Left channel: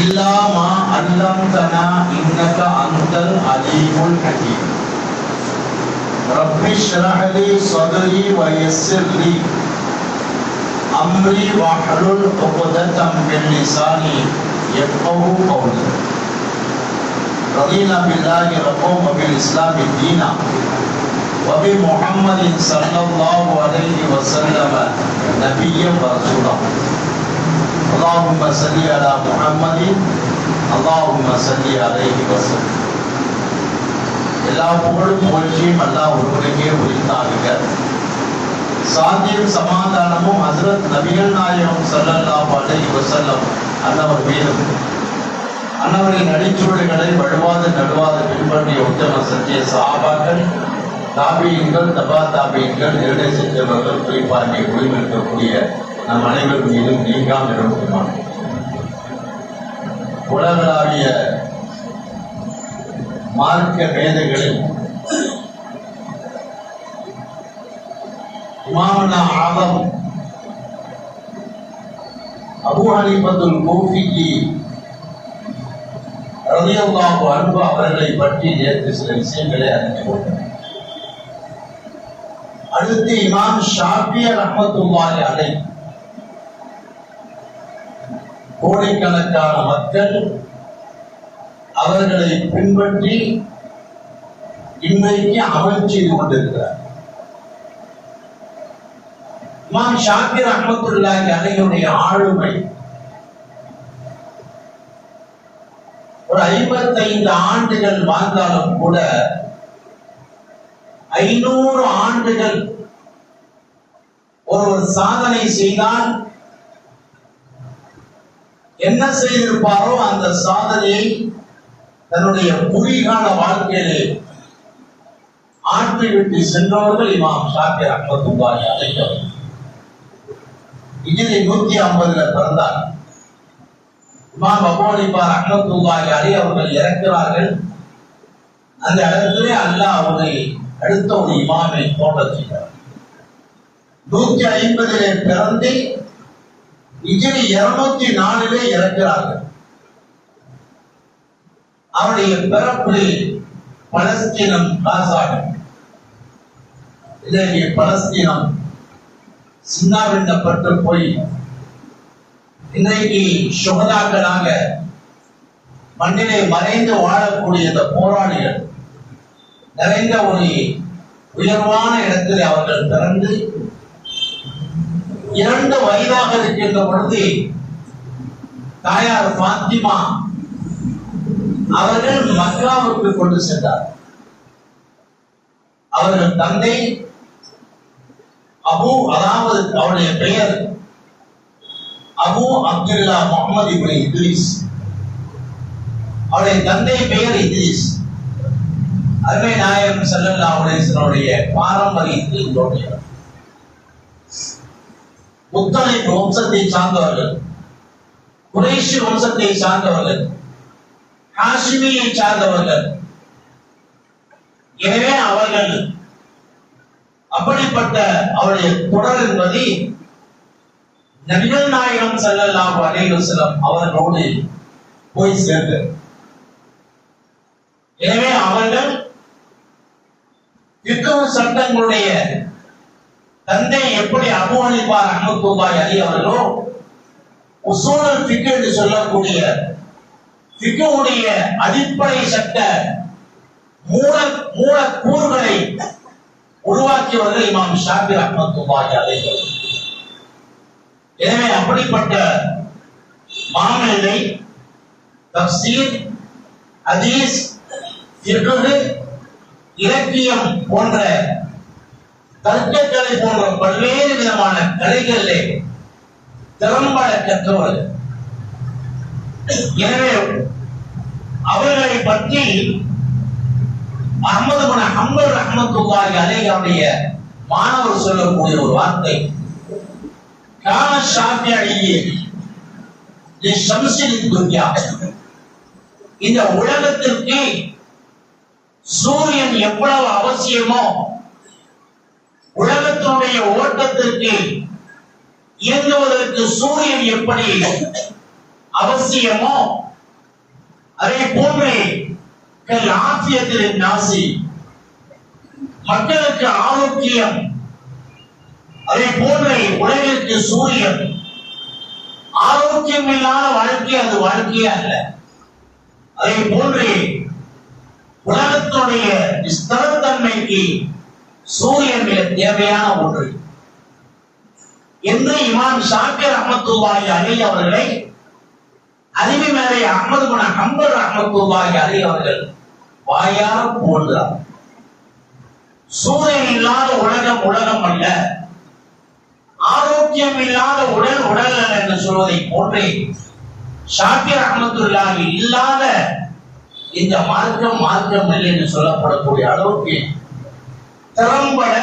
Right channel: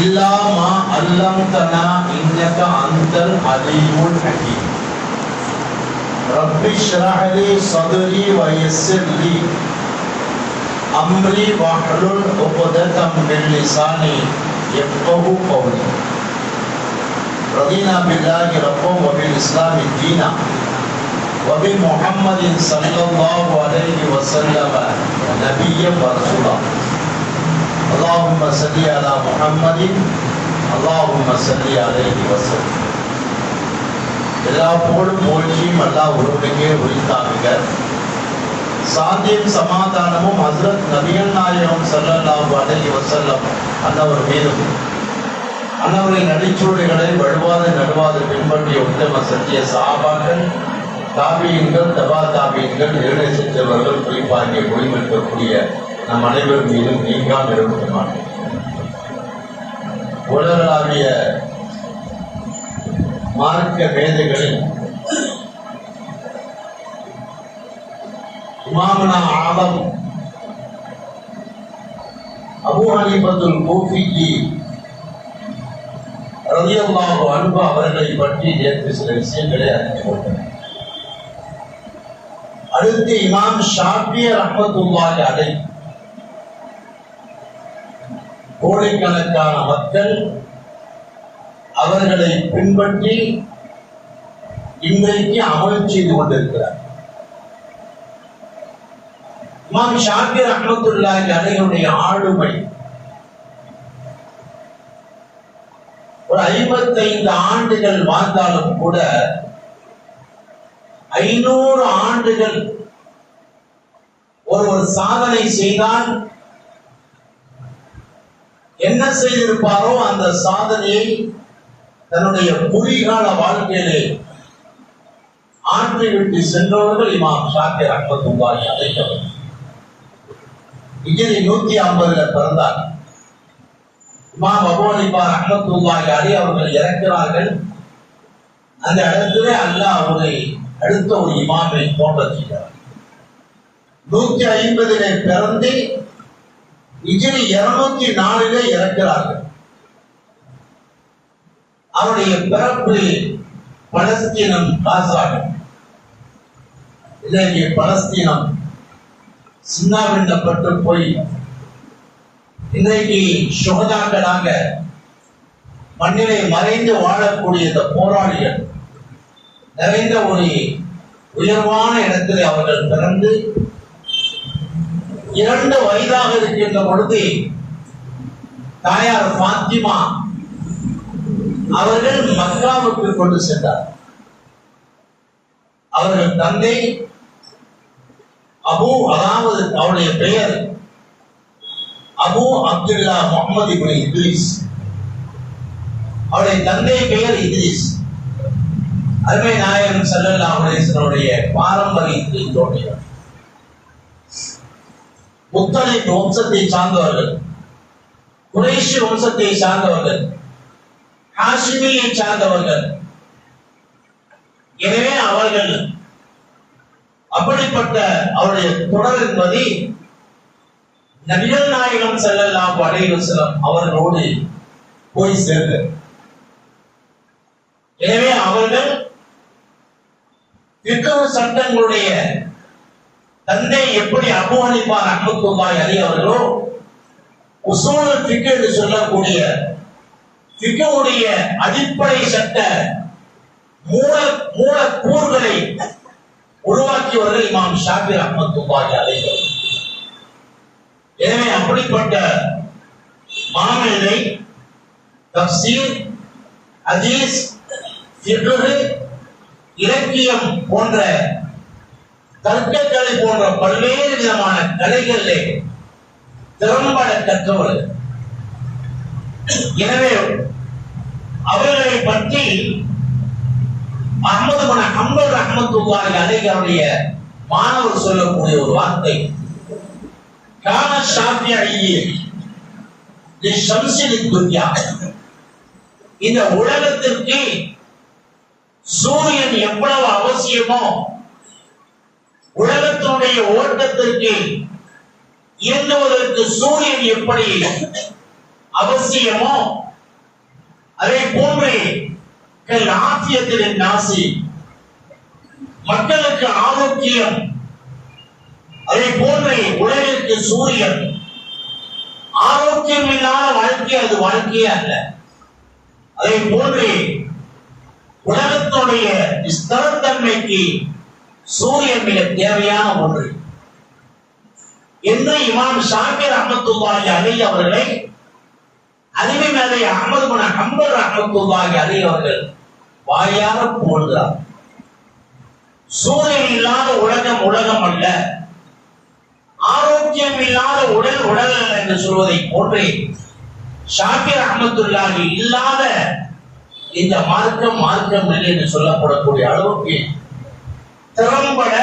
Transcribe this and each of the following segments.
இல்லா மா அல்லம்தனா இன்னக அன்தல் அலீமுல் ஹகீம். ரப்பி ஷ்ரஹ் லி ஸத்ரி வ யஸ்ஸிர் லி அம்ரி வஹ்லுல் உக்ததம் மின் லிசானி யஃகஹு கௌலி. ரதீனா பில்லாஹி ரப்பன் வ பில் இஸ்லாமி தீனா வ பி முஹம்மதின் ஸல்லல்லாஹு அலைஹி வஸல்லம் நபிய்யன் வ ரசூலா. அல்லாஹும்ம ஸல்லி அலா முஹம்மதின் அல்லாஹும்ம ஸல்லி அலைஹி வஸல்லம். எல்லா புகழும் புகழ்ச்சியும் அல்லாஹ் ஒருவனுக்கே உரித்தாகுக. சாந்தியும் சமாதானமும் ஹஸ்ரத் நபிகள் நாயகம் ஸல்லல்லாஹு அலைஹி வஸல்லம் அன்னவர் மீதும் அன்னவரின் அடிச்சுவடுகளை வழுவாத நடுவாத பின்பற்றிய உத்தம சத்திய சஹாபாக்கள், தாபீன்கள், தபா தாபீன்கள், நிர்ணய செஞ்சவர்கள், குறிப்பாக ஒளிமிருக்கக்கூடிய நம் அனைவர் மீதும் நீங்காமல் இருக்கணுமான உலகளாவிய மார்க்க மேதைகளில் இமாமுனா ஆலம் அபூ ஹனீஃபத்துல் கூஃபி ரலியல்லாஹு அன்ஹு அவர்களை பற்றி நேற்று சில விஷயங்களை அறிந்து கொண்டோம். அடுத்து இமாம் ஷாஃபி ரஹ்மத்துல்லாஹி அலைஹி கோடிக்கணக்கான மக்கள் அவர்களை பின்பற்றி இன்றைக்கு அமல் செய்து கொண்டிருக்கிறார். இமாம் ஷாஃபி ரஹ்மத்துல்லாஹி அலைஹியுடைய ஆளுமை ஒரு 55 ஆண்டுகள் வாழ்ந்தாலும் கூட 500 ஆண்டுகள் ஒருவர் சாதனை செய்தால் என்ன செய்திருப்பாரோ அந்த சாதனையை தன்னுடைய குறுகிய வாழ்க்கையிலே ஆற்றிவிட்டு சென்றவர்கள் இமாம் ஷாஃபி ரஹ்மத்துல்லாஹி அலைஹி. ஹிஜ்ரி 150 பிறந்தார். இமாம் அபூ ஹனீஃபா ரஹ்மத்துல்லாஹி அலைஹி அவர்கள் இறக்கிறார்கள். அந்த இடத்திலே அல்லாஹ் அவரை அடுத்த ஒரு இமாமை தோன்றச் செய்தார். 150 பிறந்து ஹிஜ்ரி 204 இறக்கிறார்கள். அவருடைய பிறப்பு பலஸ்தீனம் காசாக, இன்றைக்கு பலஸ்தீனம் சின்னாபின்னப்பட்டு போய் இன்றைக்கு சுகதாக்களாக மண்ணிலே மறைந்து வாழக்கூடிய இந்த போராளிகள் நிறைந்த ஒரு உயர்வான இடத்திலே அவர்கள் பிறந்து 2 வயதாக இருக்கின்ற பொழுது தாயார் ஃபாத்திமா அவர்கள் மக்காவுக்கு கொண்டு சென்றார். அவர்கள் தந்தை அபு, அதாவது அவருடைய பெயர் அபு அப்துல்லா முஹம்மது இப்னு இத்ரீஸ். அவருடைய தந்தை பெயர் இத்ரீஸ். அருமை நாயகம் ஸல்லல்லாஹு அலைஹி வஸல்லம் பாரம்பரியத்தில் முத்தலிப் வம்சத்தை சார்ந்தவர்கள், குறைஷி வம்சத்தை சார்ந்தவர்கள், ஹாஷிமியை சார்ந்தவர்கள். எனவே அவர்கள் அப்படிப்பட்ட அவருடைய தொடர் என்பது நபிகள் நாயகம் ஸல்லல்லாஹு அலைஹி வஸல்லம் அவர்களோடு போய் சேர்ந்தது. எனவே அவர்கள் ஃபிக்ஹ் சட்டங்களுடைய தந்தை எப்படி அபூ ஹனீஃபா ரஹ்மத்துல்லாஹி அலைஹி அவர்களோ உஸூலுல் ஃபிக்ஹ் என்று சொல்லக்கூடிய ஃபிக்ஹுடைய அடிப்படை சட்ட மூல கூறுகளை உருவாக்கியவர்கள் இமாம் ஷாஃபி ரஹ்மத்துல்லாஹி அலைஹி. எனவே அப்படிப்பட்ட மாமேதை தஃப்சீர், ஹதீஸ், ஃபிக்ஹ், இலக்கியம் போன்ற தர்க்கக்கலை போன்ற பல்வேறு விதமான கலைகளிலே திறம்பட கற்றவர்கள். எனவே அவர்களை பற்றி அஹ்மது பின் ஹம்பல் ரஹ்மத்துல்லாஹி அலைஹி அவருடைய மாணவர் சொல்லக்கூடிய ஒரு வார்த்தை, கான ஷாஃபிஈ லிஷம்ஸில் துன்யா, இந்த உலகத்திற்கு சூரியன் எவ்வளவு அவசியமோ உலகத்தினுடைய ஓட்டத்திற்கு இயங்குவதற்கு சூரியன் எப்படி அவசியமோ அதே போன்று ஆசியத்தின் நாசி மக்களுக்கு ஆரோக்கியம், அதே போன்று உலகிற்கு சூரியன். ஆரோக்கியம் இல்லாத வாழ்க்கை அது வாழ்க்கையே அல்ல. அதை போன்று உலகத்துடைய ஸ்திரத்தன்மைக்கு சூரியன் மிக தேவையான ஒன்று என்று இமாம் ஷாஃபி ரஹ்மத்துல்லாஹி அலைஹி அவர்களை அறிவி மேதை அஹ்மது பின் ஹம்பல் ரஹ்மத்துல்லாஹி அலைஹி அவர்கள் வாயார புகழ்கிறார். சூரியன் இல்லாத உலகம் உலகம் அல்ல, ஆரோக்கியம் இல்லாத உடல் உடல் அல்ல என்று சொல்வதை போன்றே ஷாஃபி ரஹ்மத்துல்லாஹி இல்லாத இந்த மார்க்கம் மார்க்கம் இல்லை என்று சொல்லப்படக்கூடிய அளவுக்கு திறம்பட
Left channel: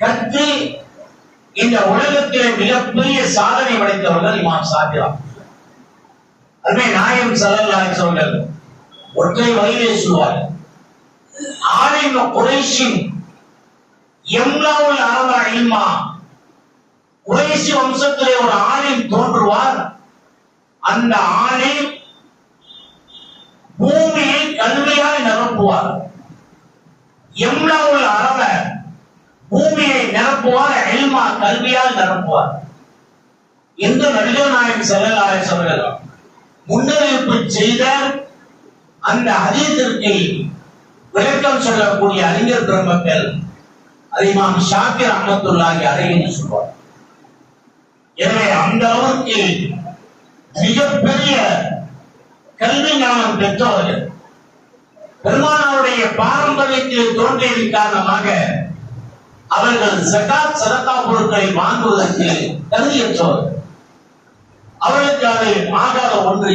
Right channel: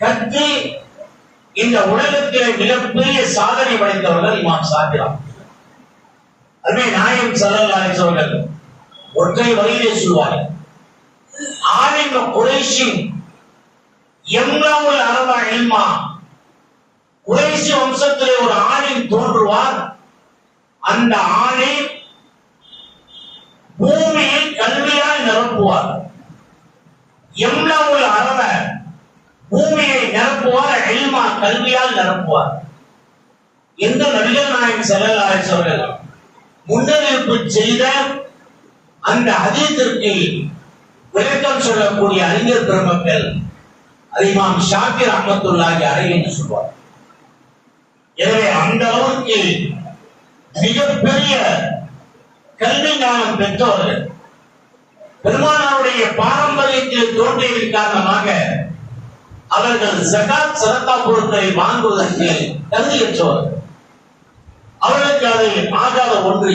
கற்று இந்த உலகத்திலே மிகப்பெரிய சாதனை படைத்தவர்கள் இமாம் ஷாஃபி. அதுவே நாயகம் ஸல்லல்லாஹு அலைஹி வஸல்லம் ஒற்றை வரியிலே சொல்வார், ஆலிம் குறைஷி யம்லவுல் அர்த இல்மா. குறைஷி வம்சத்திலே ஒரு ஆலிம் தோன்றுவார். அந்த ஆலிம் பூமியை கல்வியால் நிரப்புவார். யம்லவுல் அர்த, பூமியை நிரப்புவார், இல்மா கல்வியால் நிரப்புவார் என்று நபிகள் நாயகம் ஸல்லல்லாஹு அலைஹி வஸல்லம் முன்னறிவிப்பு செய்த அந்த ஹதீஸிற்கு விளக்கம் சொல்லக்கூடிய அறிஞர் பெருமக்கள் அது இமாம் ஷாஃபி ரஹ்மத்துல்லாஹி அலைஹி என்று சொல்வார். எனவே அந்த அளவுக்கு மிகப்பெரிய கல்வி ஞானம் பெற்றவர்கள், பெருமானாருடைய பாரம்பரியத்தில் தோன்றியதன் காரணமாக அவர்கள் ஸகாத் சதகா பொருட்களை வாங்குவதற்கு தகுதியற்றவர்கள். அவர்களுக்கு அது ஆகாத ஒன்று,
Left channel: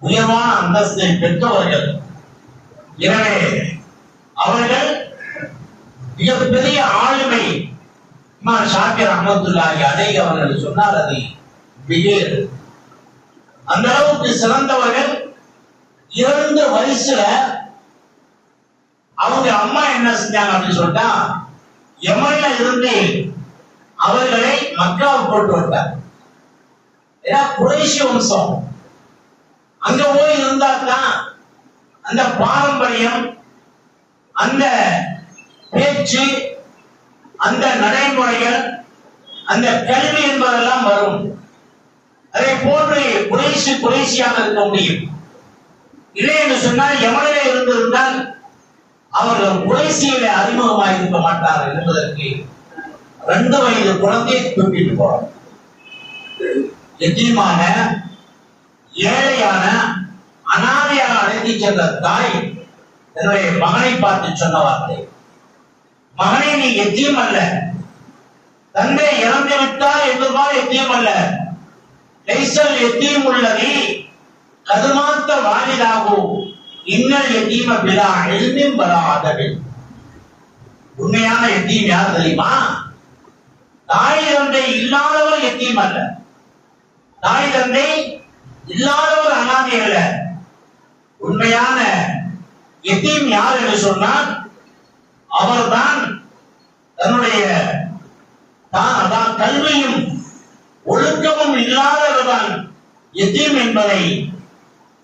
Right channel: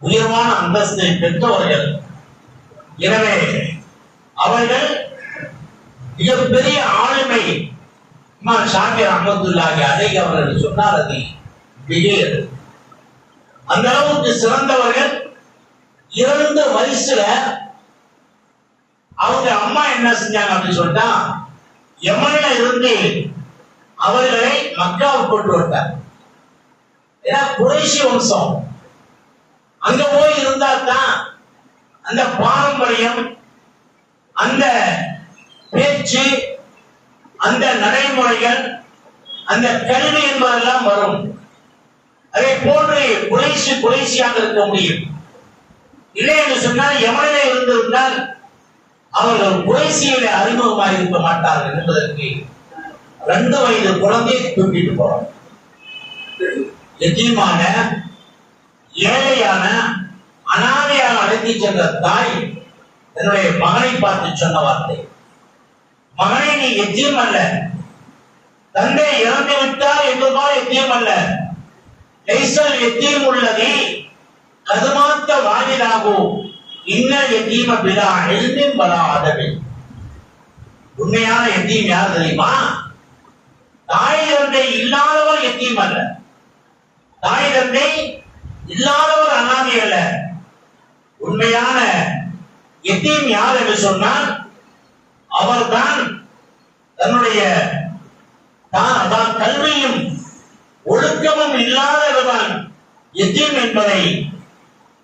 உயர்வான அந்தஸ்தை பெற்றவர்கள். எனவே அவர்கள் மிகப்பெரிய ஆளுமை இமாம் ஷாஃபி ரஹ்மத்துல்லாஹி அலைஹி அவர்கள் சொன்னார். அது மிக அந்த அளவுக்கு சிறந்தவர்கள். 2 வயசுல அவங்க அம்மா என்ன செஞ்சாங்க அப்படின்னு சொல்லிட்டா, யமன்ல இருந்து அவர்களை மக்காவுக்கு கொண்டு வந்தார். ஏன்னா குறைஷி வம்சம் அங்க போய் இருந்தா தான் அந்த பாரம்பரியம், அந்த பேச்சு, அந்த நடைமுறைகள், அந்த கல்வி என்பதெல்லாம் வரும். அதை போன்று குறைஷியாக இருக்க முடியும். இல்லை என்று சொன்னால் யமனிலே இருந்திருந்தால் அவர்கள் குறைஷியில அறிமுகமாக இருக்க மாட்டார்கள் என்பதற்கு 2 வயது குழந்தையை தூக்கிட்டு போறோம். எத்தீமான, ஏழையான, அனாதையாக அழைத்து சென்ற தாய் என்னுடைய மகனை பார்த்து சொன்ன வார்த்தை, மகனை நீ எத்தீம் அல்ல, தந்தை இறந்து விட்டால் என்பதால் எத்தீம் அல்ல, லைசல் எத்தீம் உள்ளது கதுமாத்த வாலிதாகும் இன்னல் எத்தீம பிலா எழுந்தும் வராதவை. உண்மையான எத்தீம் யார் தெரியுமா? தாய் தந்தை இல்லாதவர் எத்தீம் அல்ல, தாய் தந்தை இல்லாதவர் அனாதை அல்ல. உண்மையான எத்தீம் யார் என்று சொன்னால் அவர்தான் தன்னுடைய கல்வியும் ஒழுக்கமும் இல்லாதவர்தான் எத்தீம் என்பதை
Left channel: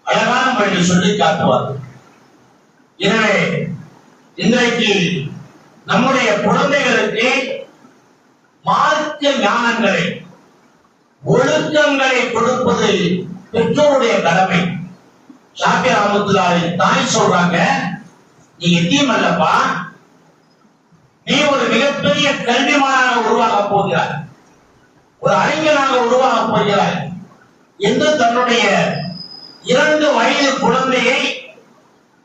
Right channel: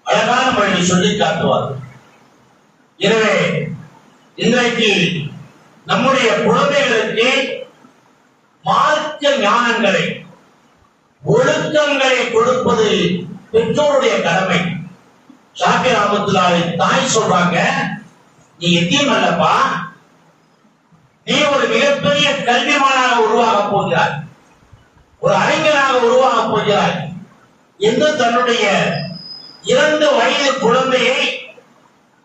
அழகான முறையில் சொல்லி காட்டுவார். எனவே இன்றைக்கு நம்முடைய குழந்தைகளுக்கு மார்க்க ஞானங்களை, ஒழுக்கங்களை கொடுப்பது பெற்றோருடைய கடமை. ஷாஃபி ரஹ்மத்துல்லாஹி தாய் சொல்றாங்க, நீ எத்தீம் அல்லப்பா, நீ ஒரு மிகப்பெரிய கல்விமானாக உருவாக போகிறாய், ஒரு அறிஞனாக உருவாக போகிறாய் என்று தன்னுடைய 2 வயது குழந்தையை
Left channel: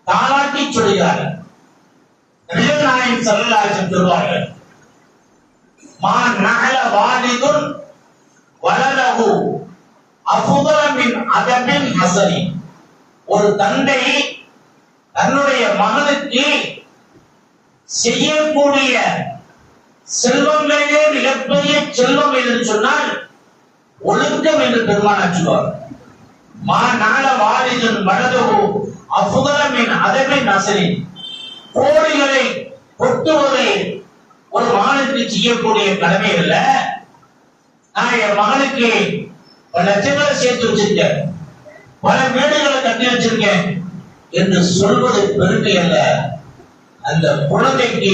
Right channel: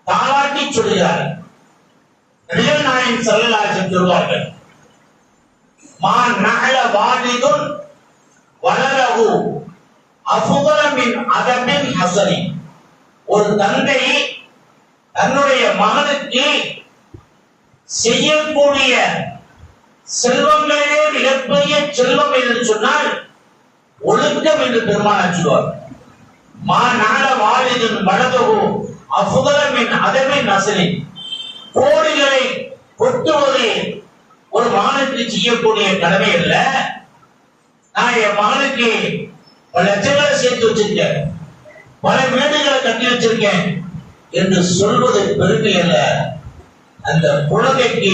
தாளாட்டி சொல்கிறார். நபிகள் நாயகம் ஸல்லல்லாஹு அலைஹி வஸல்லம் சொல்வார்கள், மா நஹல வாலிதுன் வலதஹு அஃதல மின் அதபின் ஹஸனி. ஒரு தந்தை தன்னுடைய மகனுக்கு செய்யக்கூடிய செல்வங்களிலே மிகப்பெரிய செல்வம் என்று சொன்னால் ஒழுக்கம் என்று பெருமானார் சொல்வார். மா நஹல வாலிதுன் வலதஹு அஃதல மின் அதபின் ஹஸனி. கோடிகளை கொட்டுவது ஒரு மகனுக்கு செய்யக்கூடிய கடமை அல்ல. நான் என் மகனுக்கு லட்சங்களை சேர்த்து வச்சிருக்கேன், பல வீடுகளை கட்டி வச்சிருக்கேன் என்று சொல்வது பெருமை அல்ல. அந்த குழந்தைக்கு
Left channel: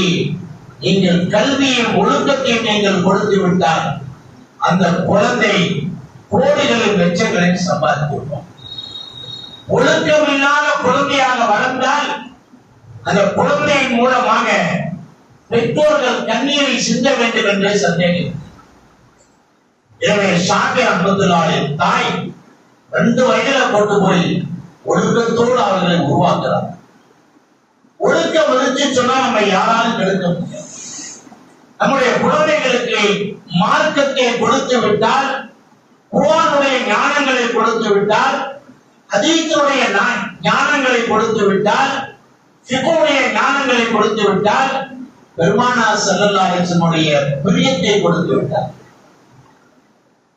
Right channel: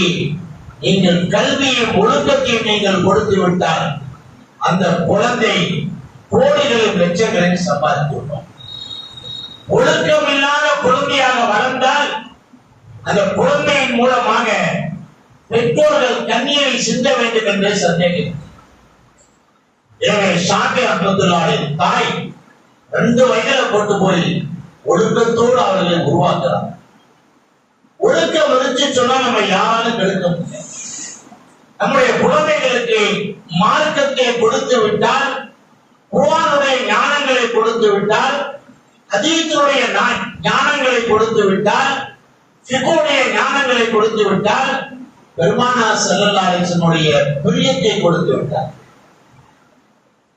நீங்கள் கல்வியும் ஒழுக்கத்தையும் நீங்கள் கொடுத்து விட்டால் அந்த குழந்தை கோடிகளின் லட்சங்களில் சம்பாதித்துள்ளோம். ஒழுக்கம் இல்லாத குழந்தையாக வளர்ந்தால் அந்த குழந்தையின் மூலமாக பெற்றோர்கள் கண்ணீரை சிந்த வேண்டும் என்று சந்தேகம். எனவே ஷாஃபி ரஹ்மத்துல்லாஹின் தாய் 2 வயதுல கொண்டு போய் ஒழுக்கத்தோடு அவர்களை உருவாக்குறார். ஒழுக்கம் இருந்துச்சு சொன்னா நம்ம யாராலும் கெடுக்க முடியாது. நம்முடைய குழந்தைகளுக்கு மார்க்கத்தை கொடுத்து விட்டால், குர்ஆனுடைய ஞானங்களை கொடுத்து விட்டால், ஹதீஸுடைய ஞானங்களை கொடுத்து விட்டால், ஃபிக்ஹுடைய ஞானங்களை கொடுத்து விட்டால், பெருமானார் ஸல்லல்லாஹு அலைஹி வஸல்லம் பிரியத்தை கொடுத்து விட்டார்.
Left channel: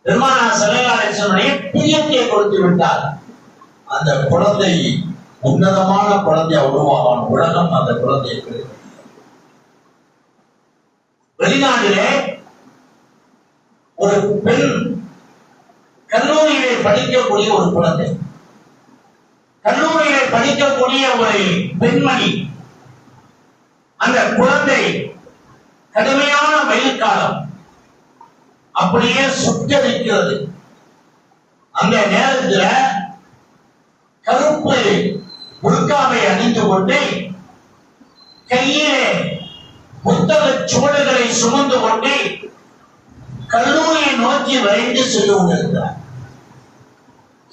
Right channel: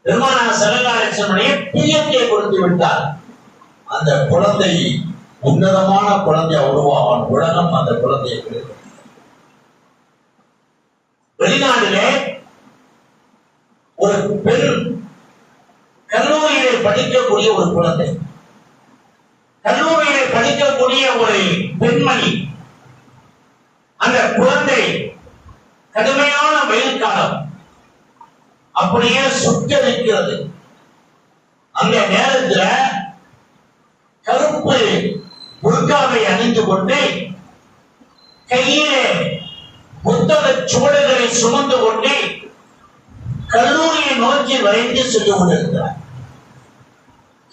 பெருமானார் ஸல்லல்லாஹு அலைஹி வஸல்லம் பிரியத்தை கொடுத்து விட்டார். அந்த குழந்தை உன்னதமான குழந்தையா உருவாவான். உலகம் அந்த குழந்தையை கிடைக்கும். வெளிநாட்டிலே ஒரு பெண் கல்லூரியிலே படிக்கக்கூடிய ஒரு குழந்தை, கல்லூரியிலே படிக்கக்கூடிய ஒரு பெண்மணி, அந்த குழந்தை கடுமையான வெயில் காலம் அப்படியே சுட்டரிக்கிறது. அந்த நேரத்தில் கருப்பு புர்காவை அணிந்து கொண்டு கையிலே புத்தக சுவடுகளை சுமந்து கொண்டு கல்லூரியை நோக்கி விரைந்து சென்று கொண்டிருக்கிறார்.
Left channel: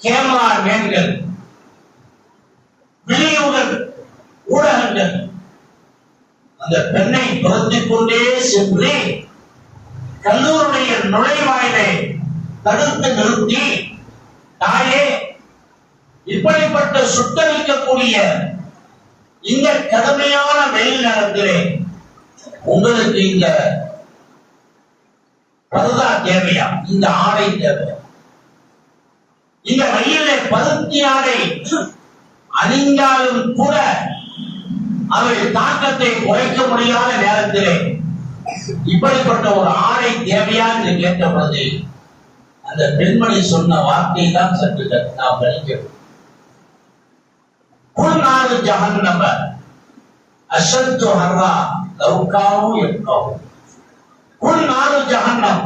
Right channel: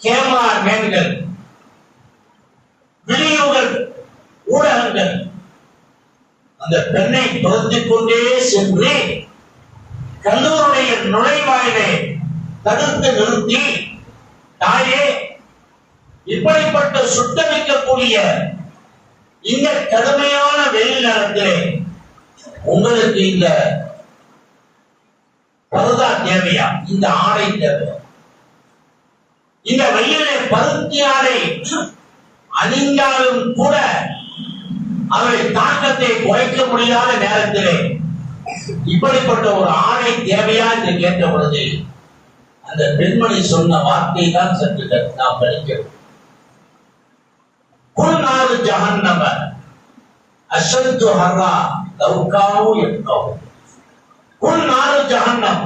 கேமரா மேன்கள், விநியோக ஊடகங்கள் அந்த பெண்ணை துரத்திக் கொண்டே சென்று கல்லூரியுடைய நுழைவாயிலை தடுத்து நிறுத்தி, தாயே, இப்படிப்பட்ட சுட்டரிக்கக்கூடிய இந்த கடுமையான வெயில் நேரத்திலே உங்களுக்கு இந்த பருதா தேவையா, இந்த ஆடை தேவையா? இந்த வெயிலை பருத்தி ஆடை அணிந்தாலும் கூட அவை தாக்கத்தை குறைக்க முடியாத நேரத்திலே இப்படிப்பட்ட ஒரு ஆடை தேவையா என்று கேட்ட பொழுது அந்த பெண்மணி சொன்ன வார்த்தை தான் சற்று நாம் கழிக்கிறோம். குல்நாறு ஜஹன்னம அஷத்து ஹர்ரா லவ்காவு யப்காவு. குல்நாறு ஜஹன்னம்,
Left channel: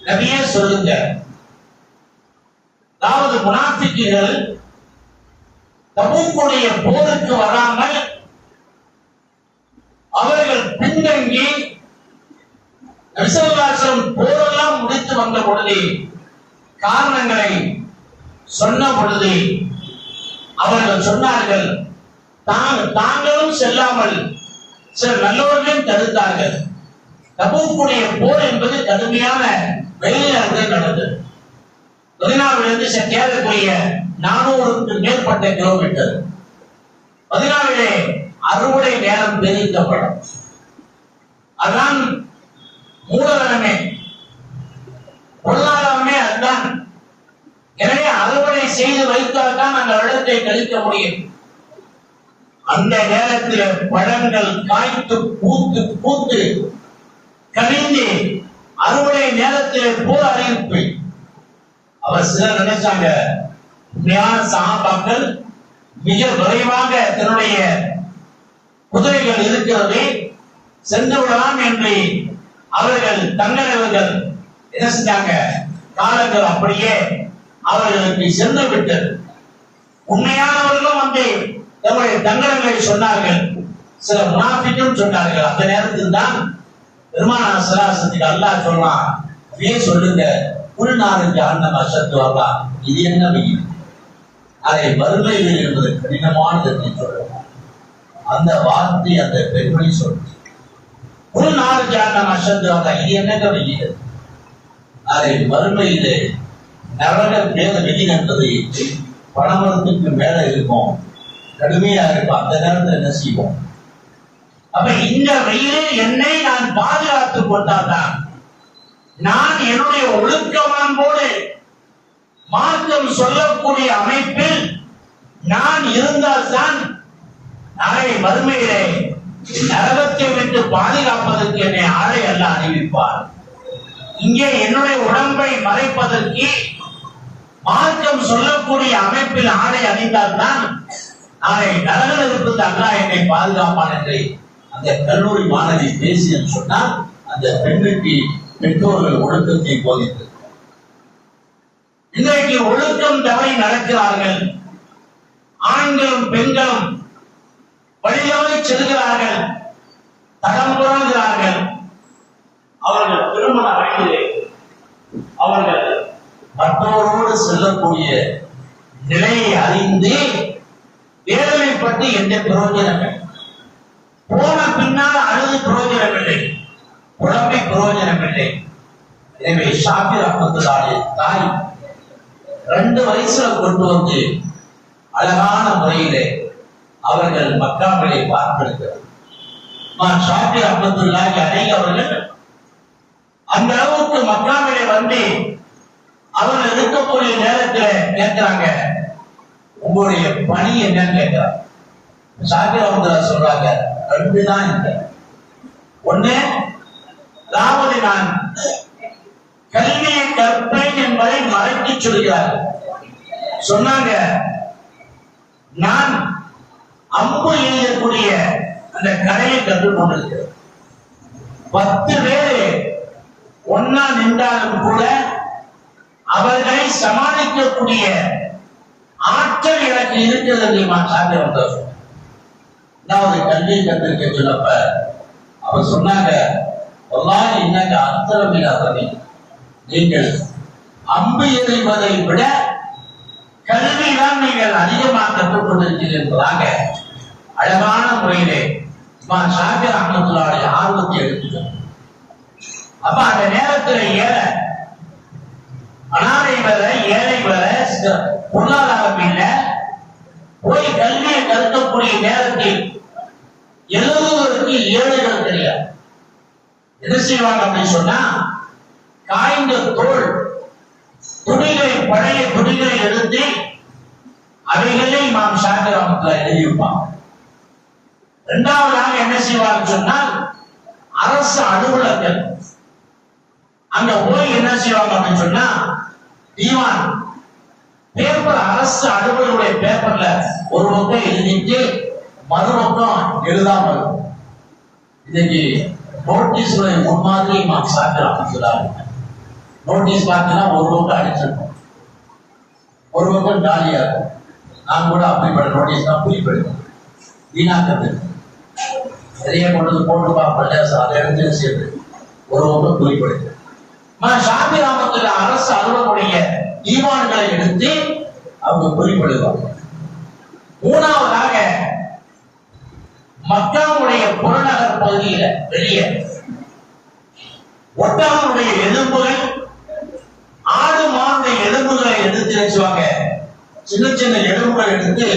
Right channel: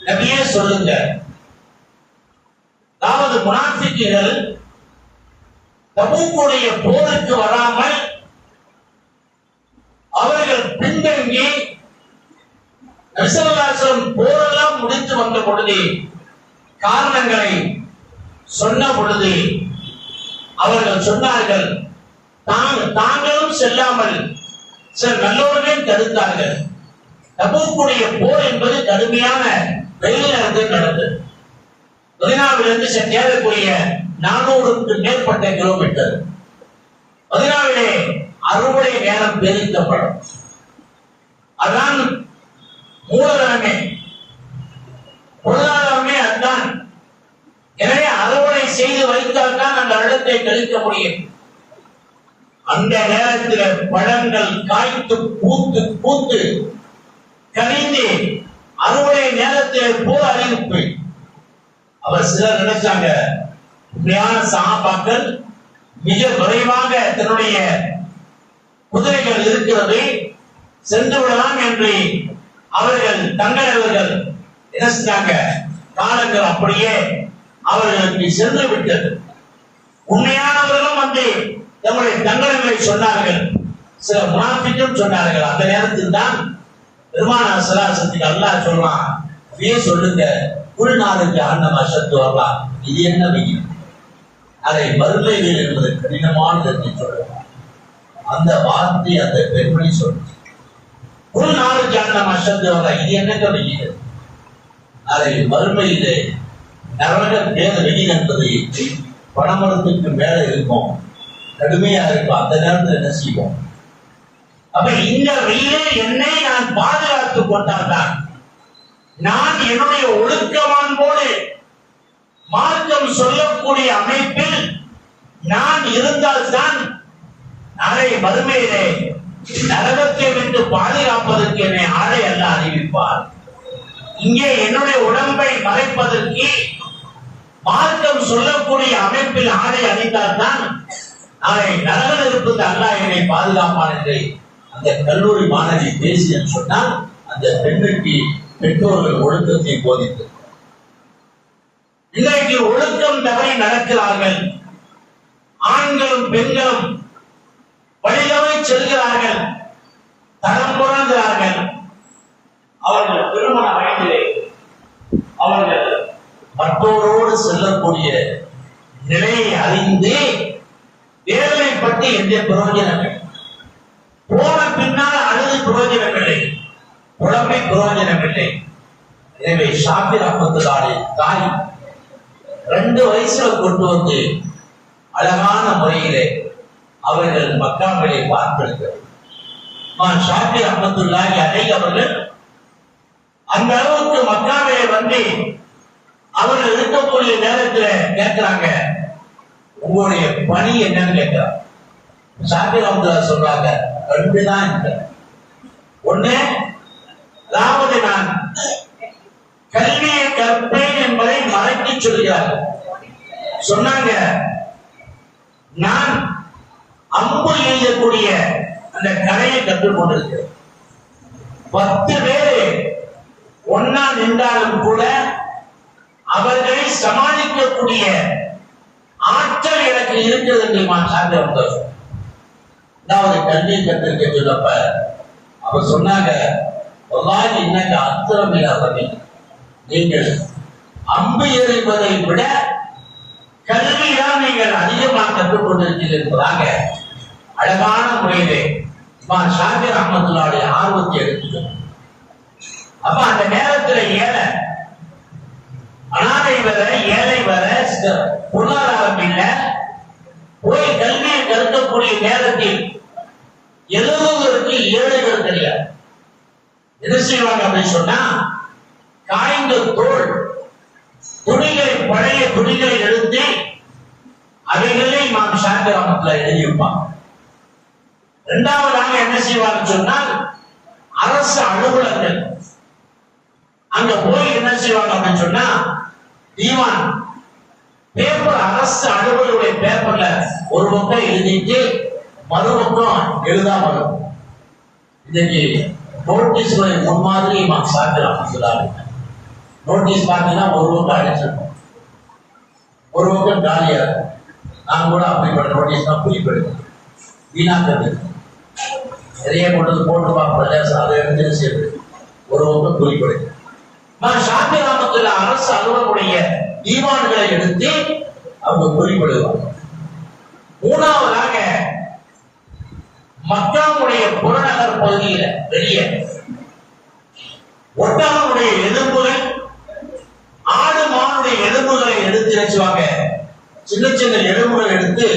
நபியே சொல்லுங்க. அதாவது முனாஃபிக்குகள் தபூக்குடைய போருக்கு வராமல் அவர்கள் பின்தங்கி நபி ஸல்லல்லாஹு அலைஹி வஸல்லம் போரெல்லாம் முடித்து வந்த பொழுது காரணங்களை சொன்ன பொழுது அவர்கள் சொன்னார்கள், தாங்களும் செல்லாமல் சில நல்லவர்களும் தடுத்தார்கள். தபூக்குடைய போர் என்பது கடுமையான வெயில் நேரத்தில் நடந்தது. மதீனாவிலிருந்து சேரக்கூடிய 400க்கு மேற்பட்ட கிலோமீட்டர். மதீனாவிலே அறுவடை நேரம் பெருக்கப்படும். அதுதான் மூலதனமே, பொருளாதாரமே அதுதான். எனவே அறுவடை செய்து வைத்தால் தான் அந்த இடத்தை கழிக்க முடியும். அந்த நேரத்தில் பழங்கள் காய்த்து பூத்து பூத்து கனிந்து அறுவடை நேரத்தில் போர் அறிவிப்பு. அவர் சிலர் நினைச்சாங்க, உண்மையான சஹாபாக்கள் மிக விரைவாக தன்னுடைய குதிரைகள் இருக்கிறது, சென்று விடலாம் என்று அவர்கள் தங்களவர்கள் என்ன செஞ்சாங்க, காலங்கள் அப்படியே அவர்களுக்கு சென்று விட்டது. உண்மையானவர்களும் வந்து தங்களுடைய தங்கடங்களை சொன்னார்கள், சில முனாஃபிக்கும் சொன்னார்கள். அந்த நேரத்தில் தான் பெருமானார் ஸல்லல்லாஹு அலைஹி வஸல்லம் அல்லாஹ் சொல்றான், இதே சொல்லுங்க, குல்நாருக்கு அன்னம அஷத்து ஹர்ரா. இது என்ன வெயில்? அதை வறுமை வெயில் என்பது கடினமானது என்று சொல்றான். அந்த வார்த்தை அந்த பெருமணி சொல்றது. குல்நாருக்கு அன்னம அஷத்து ஹர்ரா, இது என்னங்க வெயில்? அதை வறுமையிலே நரக வேத வெயில் என்பது பணமரத்துக்கு மேல இருக்கும், கடுமையா இருக்கும். அந்த நேரத்தில் என்ன செய்வோம்? அப்ப இந்த வெயிலில் என்னை நான் பாதுகாத்துக் கொண்டால்தான், நான் என்னுடைய ஒழுக்கமான்போடு மார்க்கம் சொல்லக்கூடிய அமைப்பில் நான் இருந்தால்தான் நாளை மறுமையிலே நரகத்தை விட்டு பாதுகாப்பதற்கு என்னை ஆளை அல்ல அறிவிப்பார். இங்கே என்னுடைய உடம்பை மறைப்பதற்கு மார்க்கம் சொல்லக்கூடிய அமைப்பில் ஆடை அணிந்தால்தான் நாளை நரக இருப்பது அல்லாஹ் என்னை பாதுகாப்பான் என்று அந்த கல்லூரி மாணவி பேசியன்னு சொன்னால் அந்த பெண்ணுக்கு பெற்றோர்கள் ஒழுக்கத்தை போதித்தது. இன்றைக்கு ஒழுக்கம் தவறி நடக்கிறார்கள். ஆண்களும் பெண்களும் வழியவை செல்கிறார்கள், தடம் புரள்கிறார்கள். அவர்கள் திருமண வயதிலே அவர்கள் மற்றோரோடு செல்லக்கூடிய நிலையை அறிந்து வேதனைப்பட்டு எந்த பிரயோஜனமில்லை. போன பின்னால் அழுது பிரயோஜனமில்லை, உடம்பை பிரயோஜனமில்லை. எனவே ஷாபிர் ரஹ்மத்துல்லாஹி தாய் 2 வயசுல கொண்டு வந்து அழகான முறையிலே அவர்கள் மக்காவிலே பார்க்கிறார்கள். ஷாபிர் ரஹ்மத்துல்லாஹி அலைஹி அவர்கள் அந்த அளவுக்கு மக்காவிலே வந்து அவர்கள் இருக்கக்கூடிய நேரத்தில் கேட்கிறாங்க, உங்களுடைய பணி என்னன்னு கேட்கிறாங்க. ஷாபிர் ரஹ்மத்துல்லாஹி சொல்றாங்க, 2 தான் இருக்கு. ஒண்ணு, அதாவது நான் கல்வியை கற்பேன் என்பதை மறைத்து சொல்கிறார்கள். சொன்னாங்க, நான் அம்பு எய்யக்கூடிய அந்த கலையை கற்றுக் கொண்டிருக்கிறேன். 10 பேரு ஒன்னா நின்றாலும் கூட அவர்களை சமாளிக்கக்கூடிய ஆற்றல் எனக்கு இருக்கிறது என்று சார்ந்த வந்தவர். அதாவது கல்வியை கற்றிருக்க சொல்லப்ப அவர் சொன்னாங்க, இன்னங்க அத்திரமில்லாதவை, நீங்கள் அம்பு எறிவதை விட கல்விதான் நீங்கள் அதிகமாக கற்றுக் கொண்டிருக்கிறீர்கள் என்பதாக அழகான முறையிலே ஷாபிர் ரஹ்மத்துல்லாஹி ஆர்வத்தை எடுத்துக்கணும். அப்ப அந்த நேரத்தில் அனாதை வர, ஏழை வர, பொருளாதாரம் இல்லை, போய் கல்வியை கற்கக்கூடிய நேரத்தில் எழுதுவதற்கு ஏழைகள் தெரியாது. என்ன செய்வாங்க அப்படின்னு சொன்னா, காய்ந்த தோல் துணிகளை, பழைய துணிகளை எடுத்து அவைகளை நாம் சாத்திரமத்தில் எழுதியிருப்பாங்க. 2வதாக என்ன செய்வாங்க சொன்னால், அரசு அலுவலர்கள் அங்க போய் என்ன செய்வாங்க அப்படின்னு சொன்னா, தீவான் பேப்பர், அரசு அலுவலர்களுடைய பேப்பர்ல ஒரு பக்கம் எழுதிட்டு மறுபக்கம் எழுதாம இருக்கும். இன்னைக்கு நோட்டீஸ்ல முன்மாதிரி சாத்திரம் நோட்டீஸ் பார்த்தீங்கன்னா ஒரு பக்கம் அடிச்சிருக்கும், ஒரு பக்கம் காலியா இருக்கும். நான் கூட அப்படிப்பட்ட நோட்டீஸ் தான் புரிப்படுவேன். வீணாக்கிறது நிறைய கொண்டு போட்டு பார்ப்பேன், அதை எடுத்து சேர்த்து ஒரு பக்கம் புரிப்படுது. ஷாபிர் ரஹ்மத்துல்லாஹி அரசு அலுவலருடைய தீவான்களை எடுத்து அவங்க குறிப்பிடுவாங்க. 3வதாக மக்காவுடைய புறநகர் பகுதியில வெளியே ஒட்டகனுடைய எலும்புகள், ஆடு மானுடைய எலும்புகளை எடுத்து வச்சுவாங்க. சின்ன சின்ன எலும்புகள் எடுத்து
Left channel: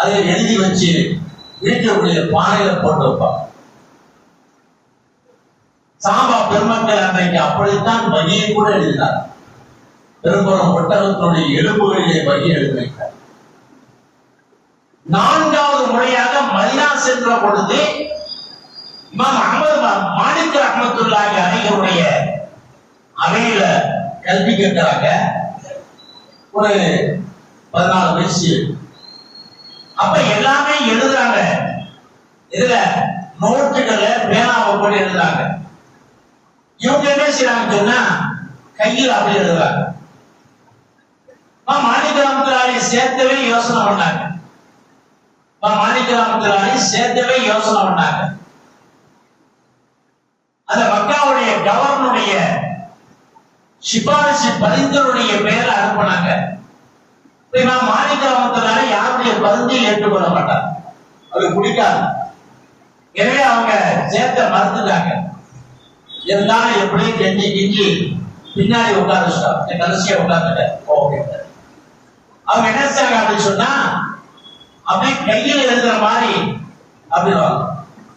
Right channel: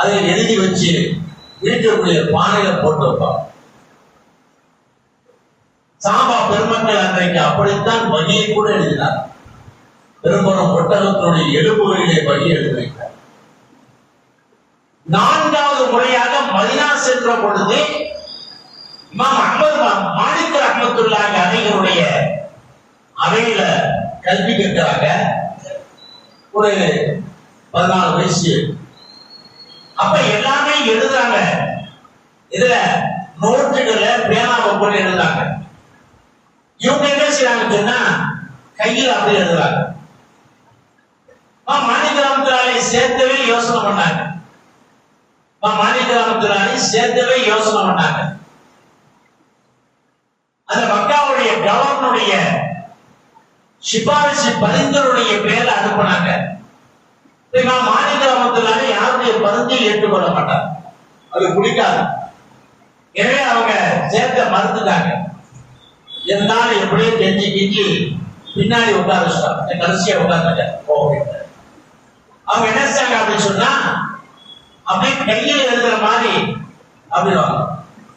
அதை எழுதி வச்சு வீட்டுடைய பானையில போட்டு வைப்பாங்க. சாபா பெருமக்கள் அன்றைக்கு அப்படித்தான் வகியை கூட எழுதினார். பெரும்புறம் ஒட்டகத்தினுடைய எலும்புகளிலே வகி எழுதி வைத்தார். 4வது முறையாக மதீனா சென்ற பொழுது இமாம் அஹ்மத் மாலிக் ரஹ்மத்துல்லாஹி அலைஹினுடைய அவையில கல்வி கேட்கிறாங்க. ஒரு 14 வயசு. அப்ப எல்லாமே எழுதுறாங்க. இதுல நோட்டுகளை பேனாவை போட்டு எழுதுறாங்க. இவங்க என்ன செய்யறாங்க சொன்னா, கையில் அப்படி எழுதுறாங்க. மாலிக் ரஹ்மத்துல்லாஹி சேர்த்தவே யோசனை பண்ணாங்க. மாலிக் ரஹ்மத்துல்லாஹி சேர்த்தவே யோசனை பண்ணாங்க. அந்த மக்காவுடைய கவர்னருடைய சிபாரிசு பரிந்துரையுடைய பெயரை அனுப்பினாங்க. மாலிக் ரஹ்மத்துல்லாஹி யாருடைய பரிந்தையும் ஏற்றுக்கொள்ள மாட்டாங்க, அது பிடிக்காது. எனவே அவங்க சேர்த்த மறுத்துட்டாங்க. இருந்தாலும் எப்படியும் கெஞ்சி கிஞ்சி பின்னாடி உட்கார்ந்து கடைசியா உட்கார்ந்துட்ட. அவங்க என்ன செய்றாங்க அப்படின்னு சொன்னா, அப்படியே கையில் எழுதுற மாதிரி அப்படி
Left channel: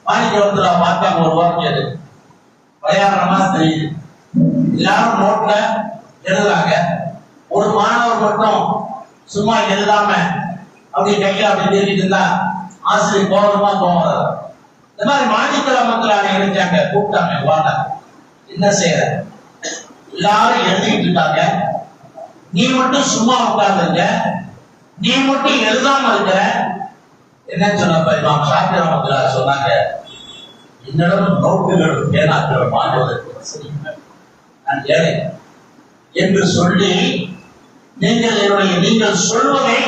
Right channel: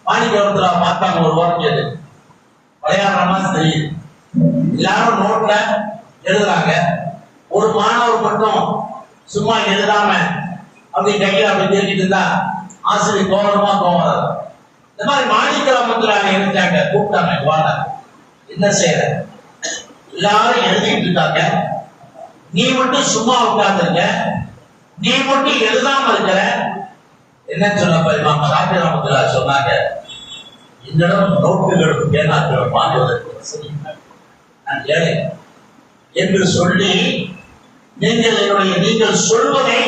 மாலிக் ரஹ்மத்துல்லாஹி பார்த்தாங்க. ஒரு வாரம் கேது விளையாடுறமா தெரியுது. எல்லாரும் நோட்ல எழுதுறாங்க. ஒரு மாணவர் மட்டும் சும்மா எழுதாம அப்படி கையில அப்படி தேடிட்டு இருந்தா ஆசிரியர் கோபமா கோவம். இந்த மாதிரி மாலிக் ரஹ்மத்துல்லாஹி எழுதிட்டாங்க. கூப்பிட்டாங்க, வாங்க என்ன செய்யற? எல்லாரும் எழுதிட்டு இருக்காங்க. நீ மட்டும் சும்மா உட்கார்ந்துருக்க, நீ மட்டும் எழுதாம இருக்கிற. என்ன சொன்னப்ப இமாம் ஷாஃபி ரஹ்மத்துல்லாஹி சொன்னாங்க, என்னிடம் நோட்டுகளும் பேனாக்களும் வாங்குவதற்கு நான் ஏழை என்று சொல்லி, நீங்கள் சொல்வதை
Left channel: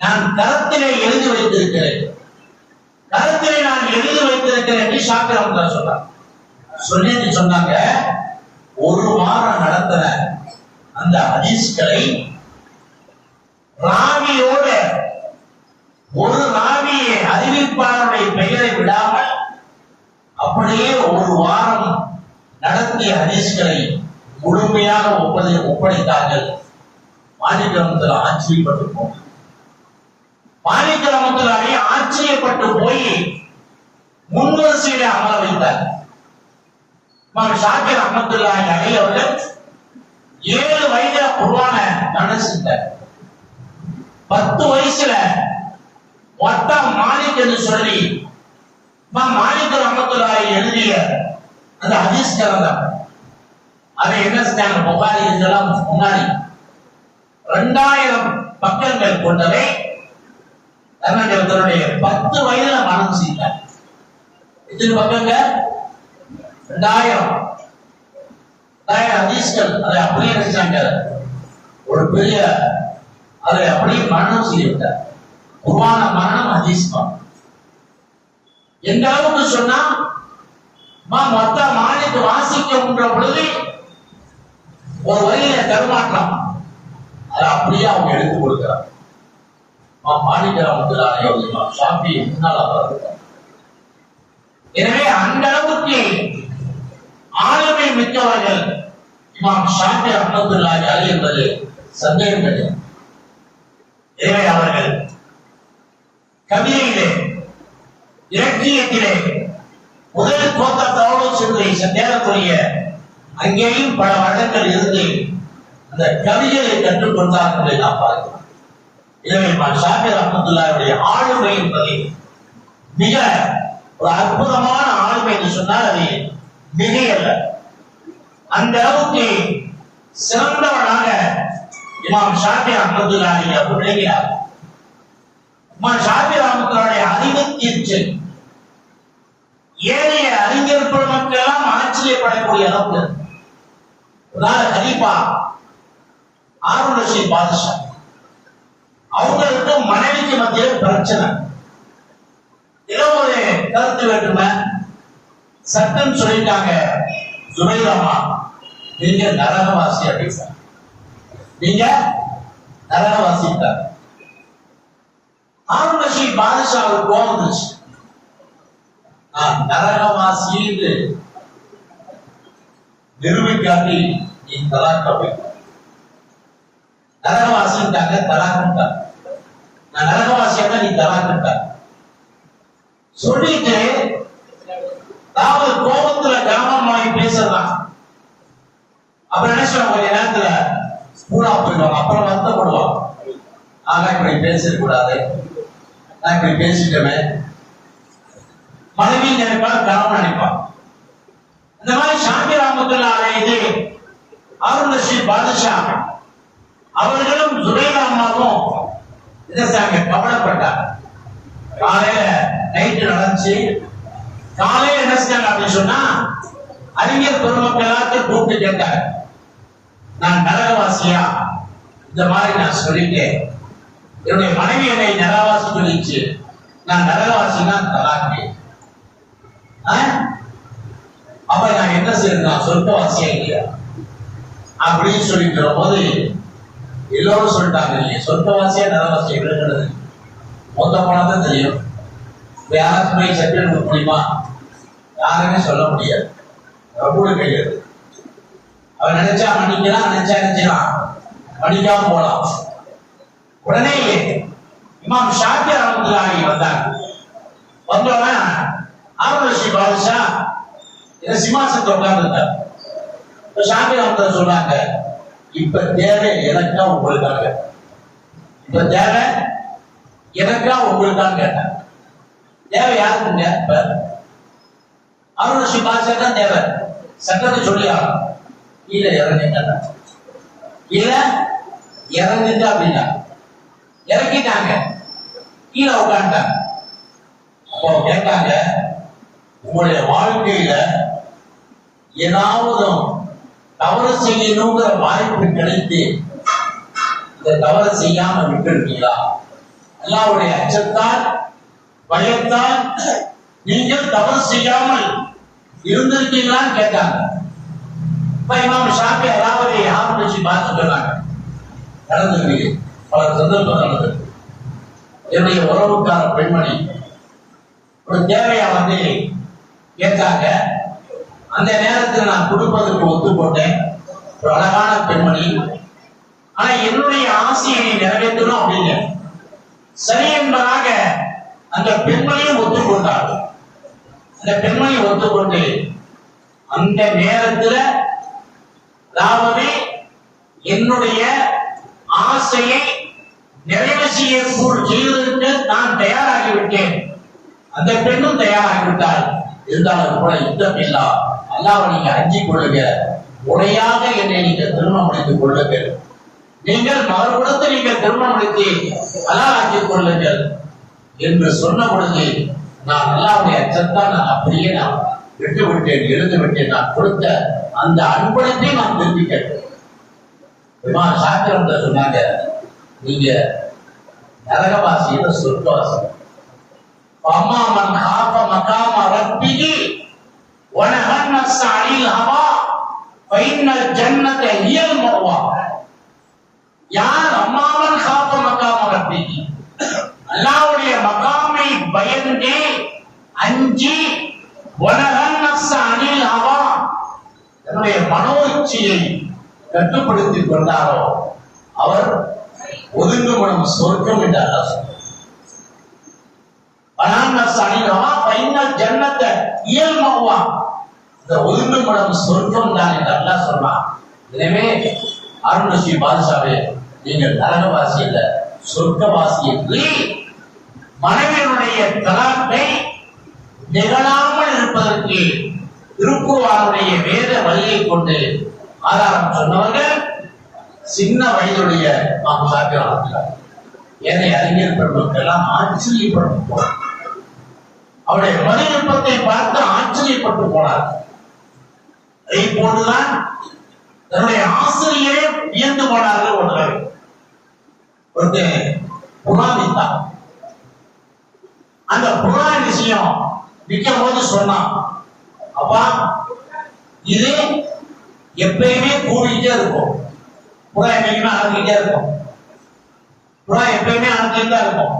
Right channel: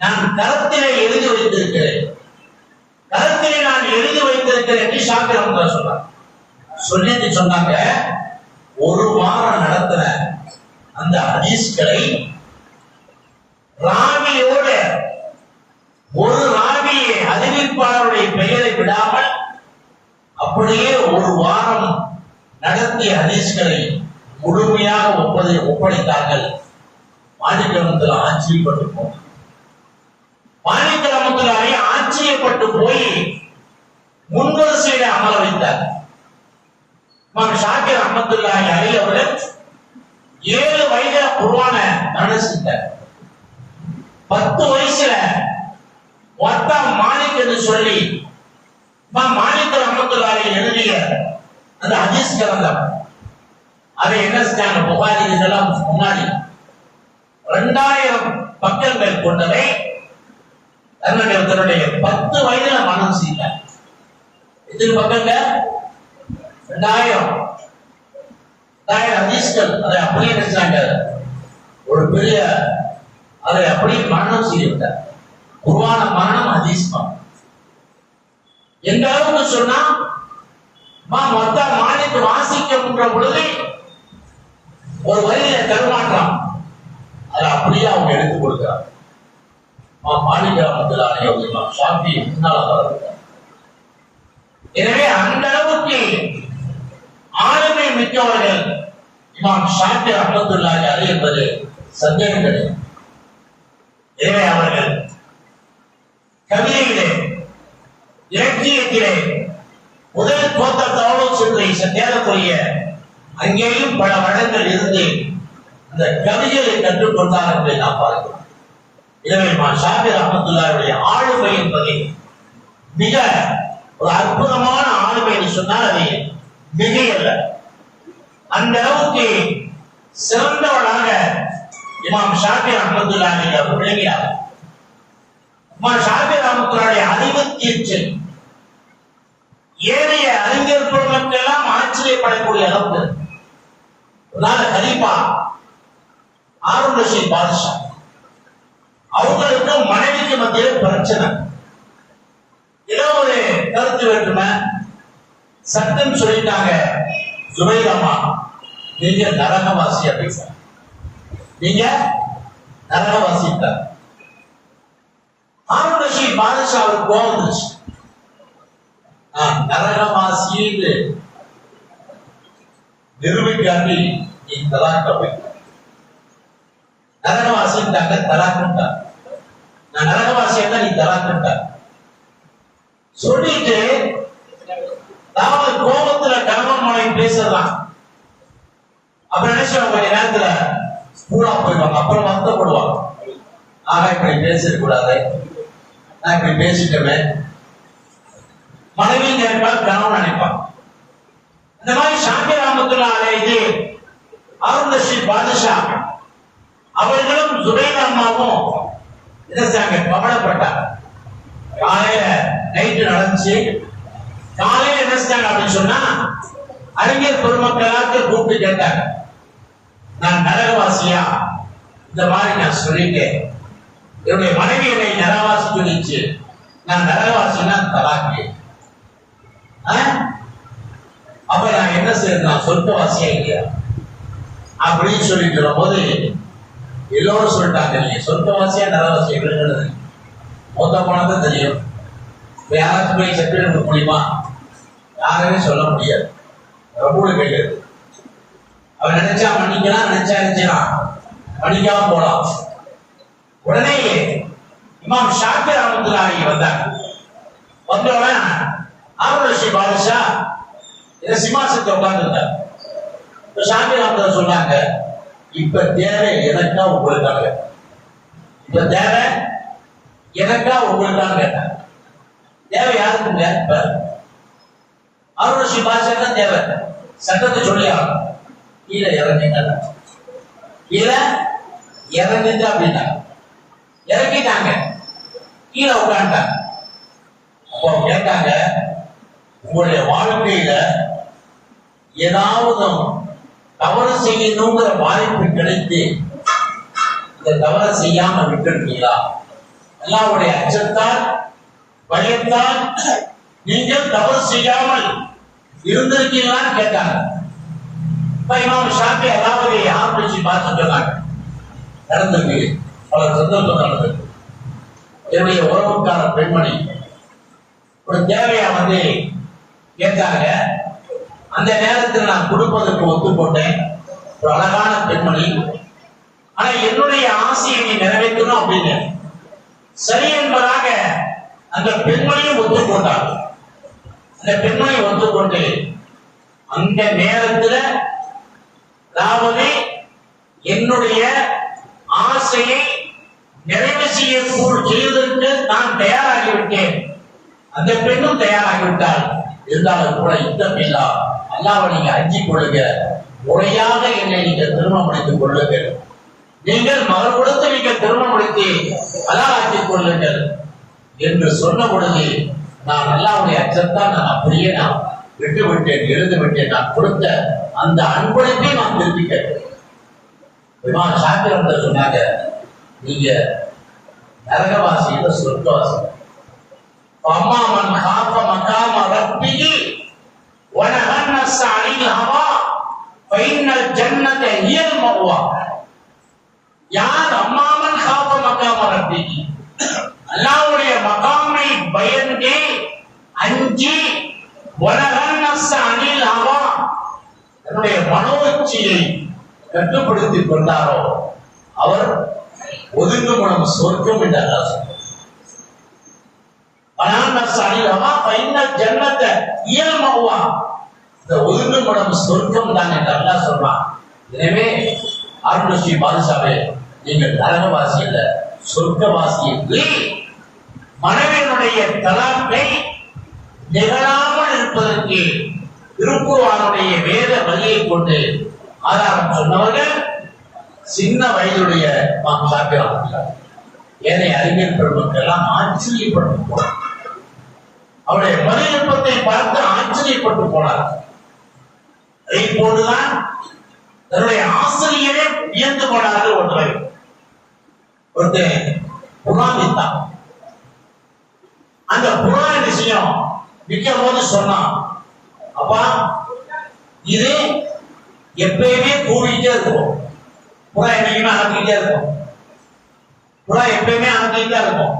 நான் கரத்திலே எழுதி வைத்திருக்கிறேன், கரத்திலே நான் எழுதி வைத்திருக்கிறேன் என்று ஷாஃபி ரஹ்மத்துல்லாஹி சொன்னாங்க. சொல்லிட்டு சொன்னாங்க, ஒரு வாரம் நடத்தின அந்த ஹதீஸ்களை ராவியோட ஒரு ராவியை அறிவிப்பாளருடைய பெயரை விடாமல் அப்படியே ஒரு வாரம் நடத்திய ஹதீஸ்களை முழுமையாக ஒப்படைத்தார்கள். மாலிக் ரஹ்மத்துல்லாஹி ஆச்சரியப்பட்டு போனார். மாலிக் ரஹ்மத்துல்லாஹி ஆச்சரியப்பட்டு போய் முன்வரிசையில அமர வைத்தார். இமாம் ஷாஃபி ரஹ்மத்துல்லாஹி அலைஹி அவர்கள் 7 வயதுல குர்ஆனை மனசிட்டார். 10 வயசுல வட்டா மாலிக் என்று சொல்லி மாலிக் ரஹ்மத்துல்லாஹி எழுதிய அந்த ஹதீஸ் கிரந்தம், அதை என்ன செஞ்சாங்க, புகாரி இதெல்லாம் முன்னாடி 2000 பக்கங்கள் கொண்டதை தன்னுடைய 10 வயதுல மனம் செய்தார். எத்தனை பக்கங்கள்? 2000 ஹதீஸ்கள். அதை அப்படியே நினைச்சாங்க, ஒரு பெரிய அதை அப்படியே மரணம் செய்யவிட்டார். குர்ஆன மரணம், ஹதீஸ் மரணம். எந்த அளவுக்கு சொன்னா, மொத்த மாலிக் வாசிக்கின்ற பொழுது ஒரு வரியில தருமாற்றம், அதை அப்படியே அவங்க எடுத்து கொடுக்கிறார். மாலிக் ரஹ்மத்துல்லாஹி அலைஹி ஷாஃபி முன்னால் வர்றாங்க. எனவே அந்த அளவுக்கு ஆளுமை மிக்கவர்கள் இமாம் ஷாஃபி ரஹ்மத்துல்லாஹி அலைஹி என்பது சந்தேகம் கிடையாது. எனவே அவர்கள் கவிதையிலே, இலக்கியத்திலே முதல் தோற்றத்தோடு சென்று தேடக்கூடிய அங்கேயும் பல வருடங்கள் இருந்து அந்த கவிதையை கற்றுக்கொண்டார் என்பதை நாம் பார்க்கிறோம். எனவே இமாம் ஷாஃபி ரஹ்மத்துல்லாஹி ஆளுமை என்பதை மிக ஒரு அற்புதமான ஆளுமை என்று சொன்னால் அது மிகையல்ல. அந்த அளவுக்கு சிறந்தவனாக இமாம் ஷாஃபி ரஹ்மத்துல்லாஹி அவர் விளங்கினார். இமாம் ஷாஃபி ரஹ்மத்துல்லாஹி அறிவுத்தீர்ச்சல் ஏழைய அறிஞர் பெருமக்கெல்லாம் ஆச்சரியப்படக்கூடிய அளவுக்கு கலீஃபா ஹாரூன் ரஷீத் பாதுஷா அவங்களுக்கு மனைவிக்கு மத்தியில் பிரச்சனை, ஏதோ ஒரு கருத்து வேற்றுமை, சட்டம் சொல்லிட்டாங்க, ஜுபைர் நீங்க நரகவாசி அப்படின்னு, நீங்க நரகவாசி. ஹாரூன் ரஷீத் பாதுஷா அவருக்கு கோபம் வந்துச்சு, நரகவாசி நிரூபிக்காட்டி நீ தலாக்க போய் நரகவாசிட்டாங்க, தலாக்கிட்டாங்க. நான் நரகவாசியா நீ தலாக்கிட்ட சொல்லிட்டு, அதாவது கோபத்துல கர்மமாய் பேசுறதான். அப்புறம் என்ன சொல்ல, கொஞ்ச நேரத்துல பூரா போயிடுவாங்க, அப்புறம் வருத்தப்படுவாங்க. ஆக இப்படி பேசிட கூடாது, நான் இப்படி பேசிட்டேன், மனைவி நினைப்பான், கணவன் நினைப்பான். இந்த மாதிரி ஷாஃபி ரஹ்மத்துல்லாஹி அலைஹி ஹாரூன் ரஷீத் பாதுஷா அவர்களும் ஜுபைர் அம்மாவும் கவலைப்பட்டாங்க. காலையில நைட்டு நடந்துச்சு, காலையில என்ன செஞ்சாங்க அப்படின்னு சொன்னா, அறிஞர் பெருமக்களாக்கு கூப்பிட்டு கேட்டாங்க, நான் நரகவாசியா, இந்த மாதிரி நான் சொல்லிட்டேன், என்னுடைய மனைவி என்னை நரகவாசி சொல்லிச்சு, நான் நரகவாசினா தலாக்கு, அப்ப நான் என்ன செய்யணும், சொர்க்கவாசியா இல்லையா அப்படின்னு சொல்லிட்டு போது எல்லோரும் சொல்லிட்டாங்க, இல்லையா சொர்க்கவாசியா நரகவாசியா விழுகிறது மொத்த போனதான் தெரியும். யாருக்கு போய் சர்டிபிகேட் கொடுக்க முடியுமா? யாருமே சொல்ல முடியாது, ரபூல கிடையாது. அவன் நினைச்சா மன்னிக்கலாம், நினைச்சா நினைச்சலாம், மன்னிக்காம போலாம். உடனே இமாம் ஷாஃபி ரஹ்மத்துல்லாஹி வந்தாங்க. வந்தவன் ஹாரூன் ரஷீத் பாதுஷா இதை சிம்மாசனத்தை உட்கார்ந்துருந்தார். ஷாஃபி ரஹ்மத்துல்லாஹி சொன்னாங்க, இப்ப தேவை எனக்கா உங்களுக்காக, இப்ப தேவை எனக்கா உங்களுக்காக கேட்டாங்க. தேவை யாருக்குங்க? இப்ப ஹாரூன் ரஷீத் பாதுஷா தான் தேவை, சட்டத்தை சொல்லியா இல்ல இறங்க இல்ல இறங்குங்க அப்படின்னா இறக்கிட்டாங்க, கீழே உட்காந்துட்டாங்க. அப்போ கேட்டாங்க, உங்களுடைய வாழ்க்கையில ஏதாவது தவறு செய்யணுங்கிற வாய்ப்பு கிடைத்து இந்த தவறு செய்யாம விட்டுருக்கீங்களா? அல்லாஹ்வுடைய அச்சத்தால் பயத்தால் நீங்கள் தவறு செய்யாமல் இருந்திருக்கீங்களான்னு கேட்டாங்க. இமாம் ஷாஃபி அதாவது யார் வச்சு பார்த்து சொன்னாங்க, நடந்திருக்கு, பல சந்தர்ப்பம் நடந்திருக்கு. என்னுடைய உறவுக்கார பெண்மணி ஒரு தேவையா வந்து கேட்டாங்க. அந்த நேரத்தில் நான் கொடுப்பதற்கு ஒத்து போட்டேன். ஒரு அழகான பெண்மணி. ஆனா என்னுடைய ஆசையை நீ நிறைவேற்றணும் அப்படின்னு சரி என்பதாக அந்த பெண்மணியும் ஒத்துக்கொண்டார். அந்த பெண்மணி ஒத்துக்கொண்டு அந்த நேரத்தில் அதாவது என்னுடைய ஆசையை நிறைவு செய்வதற்கு நான் தயாராகிவிட்டேன். அந்த பெண்ணும் தயாராகிவிட்டார். இருந்தாலும் கூட யுத்தம் இல்லா, அல்லாஹ்வை நீங்க அஞ்சிக் கொள்ளுங்க, முறையாக என்னை நீங்க திருமணம் முடித்துக் கொள்ளுங்கள், நீங்கள் மகர் கொடுத்து நீங்கள் திருமணம் முடித்து அல்லாஹ் ஆக்கிக் கொள்ளுங்கள் என்று சொன்ன பொழுது நான் அல்லாஹ்வுடைய அச்சத்தால் நான் அப்படியே நான் விட்டு விட்டேன், எழுந்து விட்டேன். நான் கொடுத்த அந்த அன்பளிப்பை நான் திருப்பி கேட்டேன். இமாம் ஷாஃபி சொன்னாங்க, நீங்க நரகவாசி இல்ல சொர்க்கவாசி. அம்மா மன் காஃப மகாம ரப்பிஹி வ நஹன் நஃப்ஸ அனில் ஹவா ஃபைன்னல் ஜன்னத ஹியல் மஅவா. யார் அம்மா மன் காஃப மகாம ரப்பிஹி, அல்லாஹ்வுடைய மகாமை பயந்து அஞ்சி வ நஹன் நஃப்ஸ அனில் ஹவா தன்னுடைய மனோச்சையை கட்டுப்படுத்திக் கொண்டாரோ அவர் ஒதுங்குமனம் சொர்க்கம் என்று அல்லாஹ் சொன்னார். ஒதுங்குமனம் சொர்க்கம் தான் என்று அல்லாஹ் சொன்னார். எனவே அருள்நசி பாதுஷாவே, நீங்கள் நரகவாசி அல்ல சொர்க்கவாசி என்று மனைவியினுடைய தலாக்கை நிகழாமல் இருப்பதற்கு திருக்குர்ஆனுடைய வேத வழியை கொண்டு ஆதாரம் சொன்னவர்கள் சின்ன வயதுடைய இமாம் ஷாஃபி ரஹ்மத்துல்லாஹி. ஏனைய அறிஞர் பெருமக்கள் ஆச்சரியப்பட்டு போனார். அவருடைய மதிநுட்பத்தை பார்த்து ஆச்சரியப்பட்டு போனார். அதை போன்றுதான் தன்னுடைய ஆசிரியரே வியந்து போனார்கள். ஒருத்தர் புராணித்தான். அந்த புராண விஷயம் விற்கும் போது சொன்னான், அப்பா இது எப்பயுமே கூடிட்டே இருக்கும், புறா எப்பயுமே அனுப்பிட்டே இருக்கும், புறா எப்பயுமே அனுப்பிட்டே இருக்கும்,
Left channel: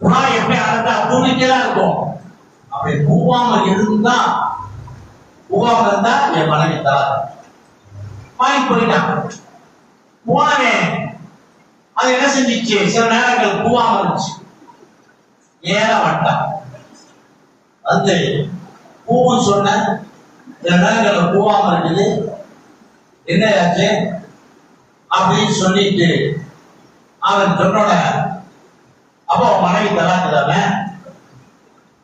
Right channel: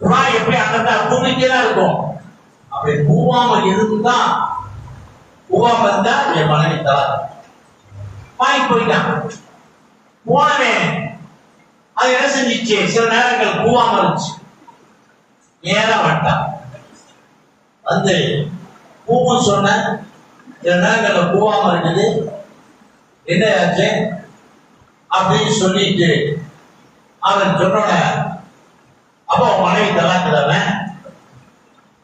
புறா எப்பயும் அனுப்ப கூடிட்டே தான் இருக்கும். அப்படி கூவாம இருந்தா என் மனைவி தராது வாங்கி போயிட்டான். போனவே அது என்ன செஞ்சிச்சு, சில நேரங்கள் கூவாம இருந்துச்சு, நேரா வந்துட்டான். வந்து பூவும் சொன்ன சில நேரங்கள்ல கூவாம இருக்குது, என்ன ஆச்சு அப்படின்னு சொல்லிட்டு அவன் சொன்னோட அப்போ மனைவி தலாக்குதாம,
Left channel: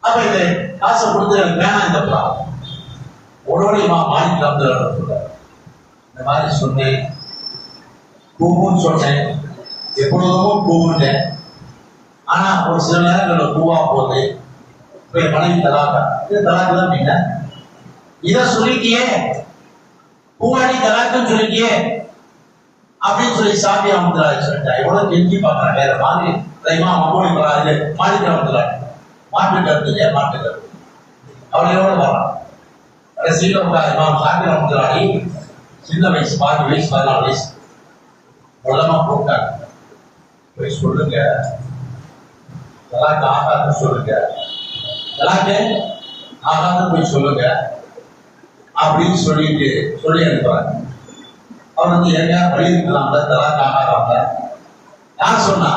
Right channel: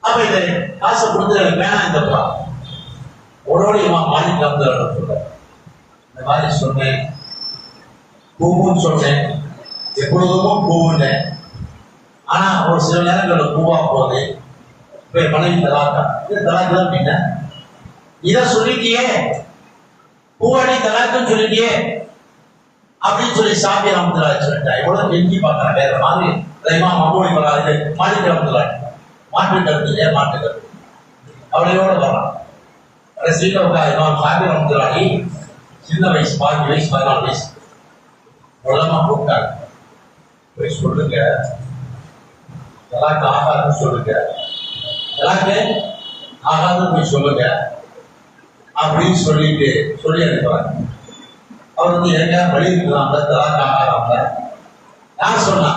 அப்ப இது காசை கொடுத்து எனக்கு வேணாம் இந்த புறம் உடனடிமா மாலிக் வந்து சொல்ற இந்த மாதிரி சொன்னேன், கூவுன்னு சொன்னேன், எப்பொழுதும் கூவுன்னேன், ஆனா ஒரு சில நேரங்கள்ல கூவா போகுது, இப்ப மனைவி தலாக்கா, இது தலாக்கு தான் அப்படின்னா இதை சொல்லிட்டியே, பூவாடி தலாக்குன்னு சொல்லிட்டியே அப்படின்னு சொல்லி ஷாஃபி ரஹ்மத்துல்லாஹி சொல்லிட்டா. இவ்வளவு கெஞ்சி பார்க்கறாங்க. வேற மாதிரி இமாம் அபூ ஹனீஃபா மாலிக் ரஹ்மத்துல்லாஹி மாற்று கருத்து மாற்று கருத்து அவளையோட வரலாம். கடைசியில் இமாம் ஷாஃபி ரஹ்மத்துல்லாஹி சின்ன வயசு 12 வயசு 14 வயசு மூலமா கூப்பிட்டாங்க, போய் சொல்லுங்க தலாக்கு ஆகாதுன்னு சொல்லுங்க, தலாக்கு ஆகாதுன்னு போய் சொல்லுங்க அப்படின்னு சொல்லிட்டு சொல்லி அனுப்புறாங்க. அவர் வந்து எங்க வழி இருக்கலாம்ல, தலாக்கு ஆகாம யார் சொன்னா,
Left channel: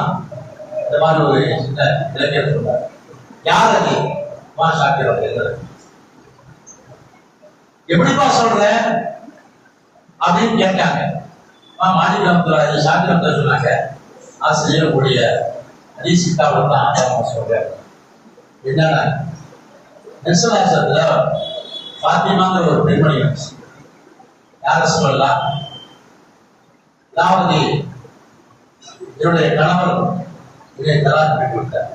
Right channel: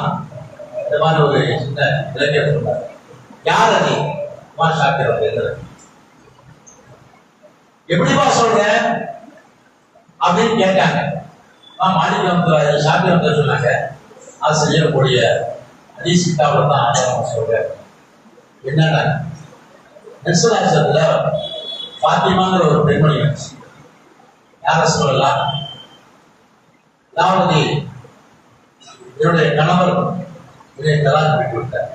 இந்த மாதிரி ஒரு சின்ன இலக்கியம் சொன்னார். யார் அது? ஷாஃபி எப்படிப்பா சொல்ற அப்படின்னு கேட்டாங்க. மாலிக் ரஹ்மத்துல்லாஹி ஷாஃபி ரஹ்மத்துல்லாஹி சொன்னாங்க, அது செய்யக்கூடிய ஹதீஸ் கிதாபுல தான் ஆதாரமா சொல்றேன். என்னன்னா நெசலாசத்துல ஃபாத்திமாங்கிற ஒரு பெண்மணி வந்துச்சு. யார சொல்லலாம், அதாவது என்னுடைய கணவர் இதை தலாக் விட்டுவிட்டார்.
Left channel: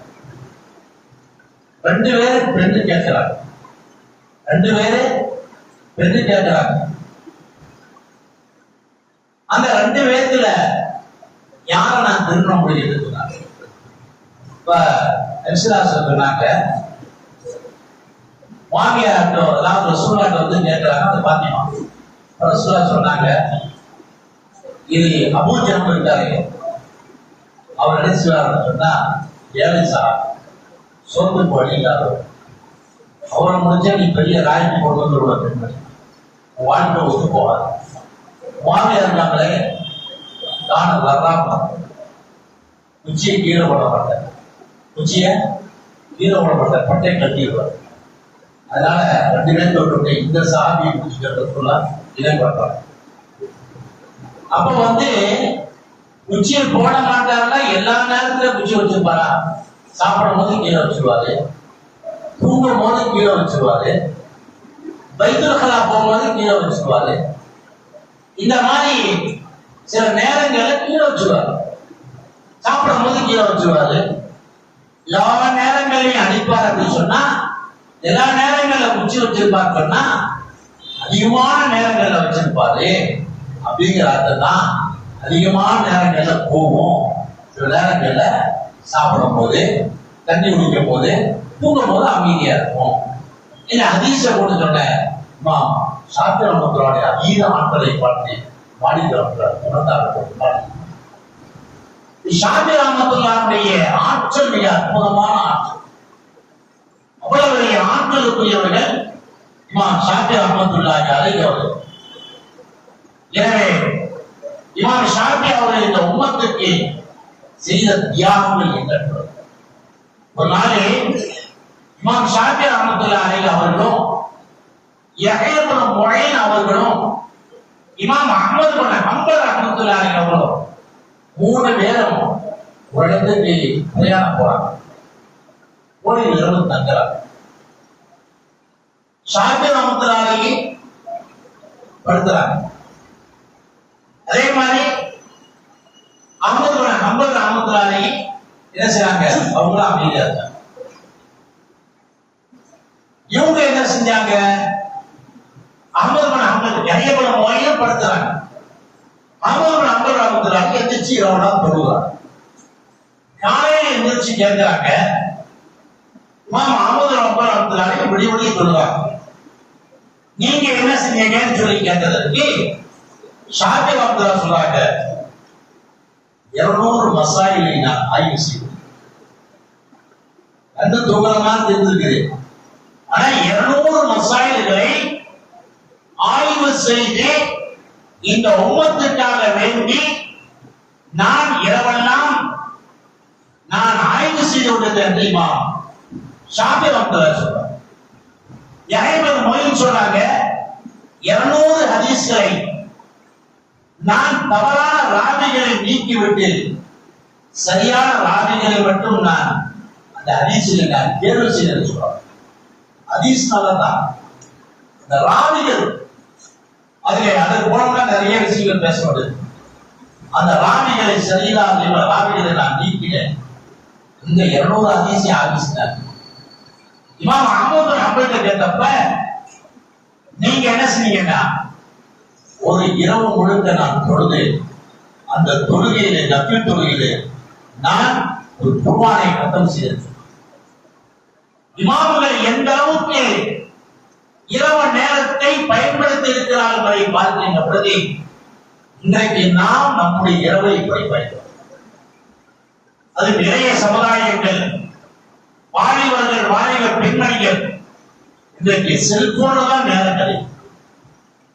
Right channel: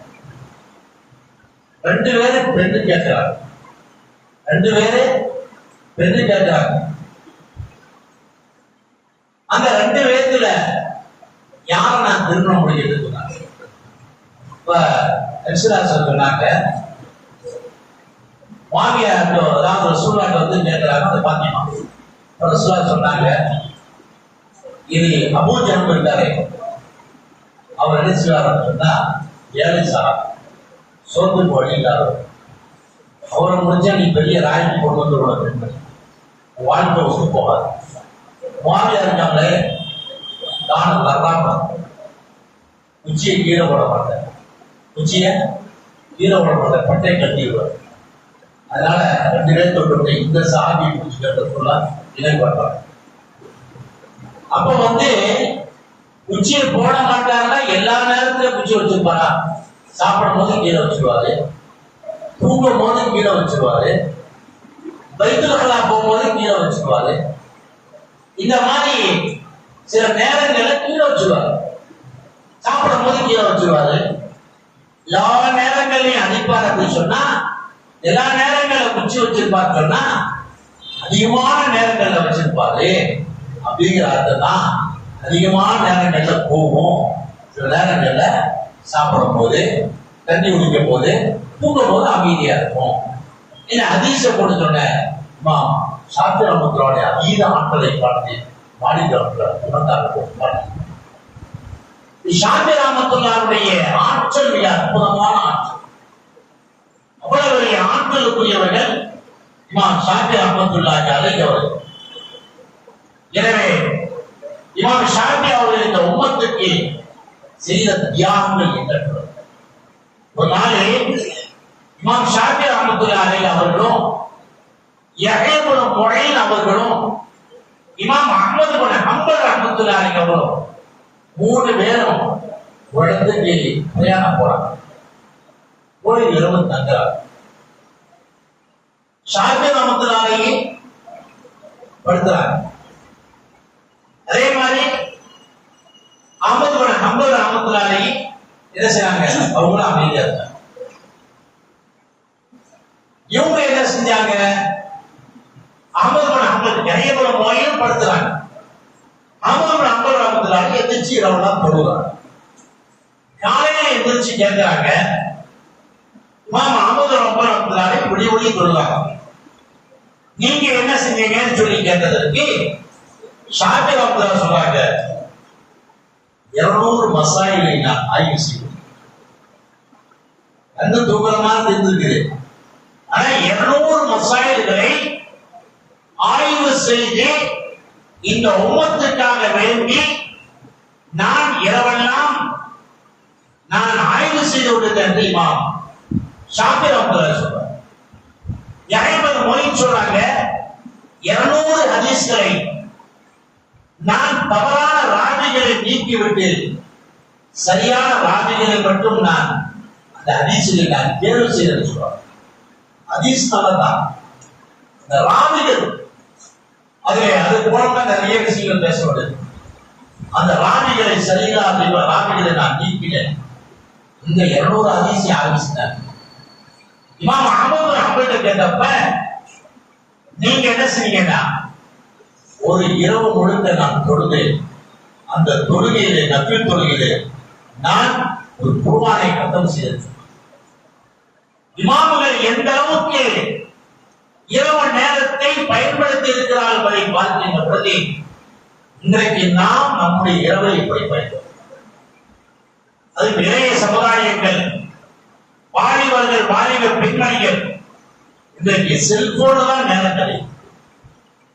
2 பேரும் பெண்ணு கேட்கிறாங்க. 2 பேரு பெண்ணு கேட்கிறாங்க. அந்த 2 பேத்துல யார நான் திருமணம் முடிக்கிறது சொன்னாங்க. இப்ப சொன்னாங்க மாமியார்ட்டோ அதாவது ரசூலுல்லாஹ் வந்து கேட்கிறாங்க. அந்த பாத்திமா ரசூலுல்லாஹ் சொன்னாங்க, இது அபூ ஜஹல் இருக்காரே அவர் என்ன செய்வார் சொன்னா, ஏழை சார் சோத்துக்கு வழியில்லாத அவரை முடிஞ்சா நீ பெரிய ராய்க்கு கொண்டு வந்துடுவ பெண்கள் வாழ்க்கை ஒத்து போவார். மாமியார் இருக்காங்களே தானம் வர்றாங்க, உச்சியை கீழே போட மாட்டேன், உச்சியை கீழே போட மாட்டேன், பட்டை கட்டிடுவார். அதனால 2 பேர் தொட்டு இந்த சாமியை பிடிச்சிக்கிறதுக்குள்ள இதை பண்றாங்க. அப்ப வந்து உச்சியை போட மாட்டாருன்னா எல்லா நேரத்துல குச்சி வச்சிருப்பாரா? சாப்பிடும் போது கீழே வச்சிருவாரு, தூங்கும் போது கீழே வச்சிருவாரு, பைத்துல் கலா போகும்போது கீழே வச்சிருவாரு. இந்த மாதிரி சில நேரங்கள்ல கீழே வச்சிருவாரு, சாப்பிடும் போது கீழே வச்சிருவாரு. எல்லா நேரங்களையும் அடிப்பார் அப்படின்னு சொன்னா, எல்லா நேரங்கள்ல குச்சி வச்சிருப்பாரு சொன்னா அதிகமான நேரங்கள்ல வச்சிருப்பாரு அப்படிங்கிற அர்த்தம் தான். அதிகமான நேரங்கள்ல போகும், சில நேரங்கள்ல சாப்பிடும் போது, தண்ணி குடிக்கும் போது, தூங்கும் போது அமைதியா இருக்கும். இந்த ஹதீஸ கொண்டு சொன்ன ஷாஃபி ரஹ்மத்துல்லாஹி அதீத ஆற்றலை பார்த்து மாலிக் உணர்ந்தார்கள். ஷாஃபி ரஹ்மத்துல்லாஹியுடைய ஆற்றல் மிக அற்புதமான ஆற்றல். அவ்வளவு பெரிய ஆற்றலுக்குரியவர்கள் இமாம் ஷாஃபி ரஹ்மத்துல்லாஹி அலைஹி அவர்கள். எனவே இமாம் ஷாஃபி அவர்கள் இந்த உம்மத்துக்கு செய்த தியாகங்கள் எண்ணற்றது. ஒரு நாளில் இமாம் ஷாஃபி ரஹ்மத்துல்லாஹி அலைஹி அவர்களும் யஹ்யா இப்னு முஈன் அவர்களும் இமாம் அஹ்மத் இப்னு ஹம்பல் ரஹ்மத்துல்லாஹி அலைஹி அவர்களும் 3 பேரும் ஒரு இடத்துக்கு பிரயாணம் போறாங்க. ஒரு இரவு தங்குறாங்க. ஷாஃபி ரஹ்மத்துல்லாஹி அலைஹி படுத்துறாங்க. அதே மாதிரி அஹ்மத் இப்னு ஹம்பல் ரஹ்மத்துல்லாஹி அலைஹி என்ன செய்றாங்க? அவங்களும் அமைதியா இருக்காங்க. இவங்க என்ன செஞ்சாங்க? அஹ்மத் இப்னு ஹம்பல் யஹ்யா இப்னு முஈன் படுத்துறாங்க. அஹ்மத் இப்னு ஹம்பல் ரஹ்மத்துல்லாஹி அலைஹி எந்திரிச்சு இரவுலாம் தொழுகிறாங்க. காலையில எந்திரிச்சு கேட்கிறாங்க, இமாம் அஹ்மத் இப்னு ஹம்பல் ரஹ்மத்துல்லாஹி அலைஹி விடிய விடிய தொழுகிறாங்க, நீங்க என்ன செஞ்சீங்கன்னு சொல்லி கேட்டதற்கு ஷாஃபி ரஹ்மத்துல்லாஹி சொல்றாங்க, 200 மசாயிலை நான் ஆய்வு செய்தேன். அந்த தூக்கமா தெரிஞ்சிருக்குது. ஆனா 200 மசாயில்களை ஆய்வு செய்து இந்த உம்மத்துக்காக வேண்டி நான் இரவெல்லாம் நான் ஆய்வு செய்து விட்டேன் தெரியுமா? ஷாஃபி ரஹ்மத்துல்லாஹி சொல்றாங்க. யஹ்யா இப்னு முஈன் சொல்றாங்க, 200 ஹதீஸ்களை நான் தவறான ராவிகளை நீக்கிவிட்டு சரியான ராவிகளை மட்டும் நான் அந்த ஹதீஸில் நான் தேர்வு செய்தேன் சொல்றாங்க. ஹதீஸ்னாலதான் இந்த ராவிகள் அதிலே அது போலதான் நிறைய விஷயங்கள் பேசப்படுது. அந்த ராவிகளை சரியில்லாத ராவிகளை நான் நீக்கினேன். இந்த 200 ஹதீஸை ஆரம்பிச்சிட்டாங்க. இமாம் அஹ்மத் இப்னு ஹம்பல் கேட்டப்ப நீங்க என்ன செய்வீங்கன்னா, ஒரு இரவு முழுக்க நான் தொழுது, அந்த தொழுகையிலே நஃபில் தொழுகையிலே நான் ஒரு குர்ஆனை கத்தம் செய்தேன். இமாம்கள் எந்த அளவுக்கு இரவு நேரத்தை பயன்படுத்தி இருக்கிறார்கள் என்பதை பார்க்கின்ற பொழுது இன்றைக்கு நாம் நம்முடைய இரவை இப்படி பயன்படுத்தும். அது இளைய சமுதாயங்கள், வாலிபர்கள், வாலிப பெண்மணிகள் இன்றைக்கு செல்போனு தான் நேரம் கிடைக்கும்.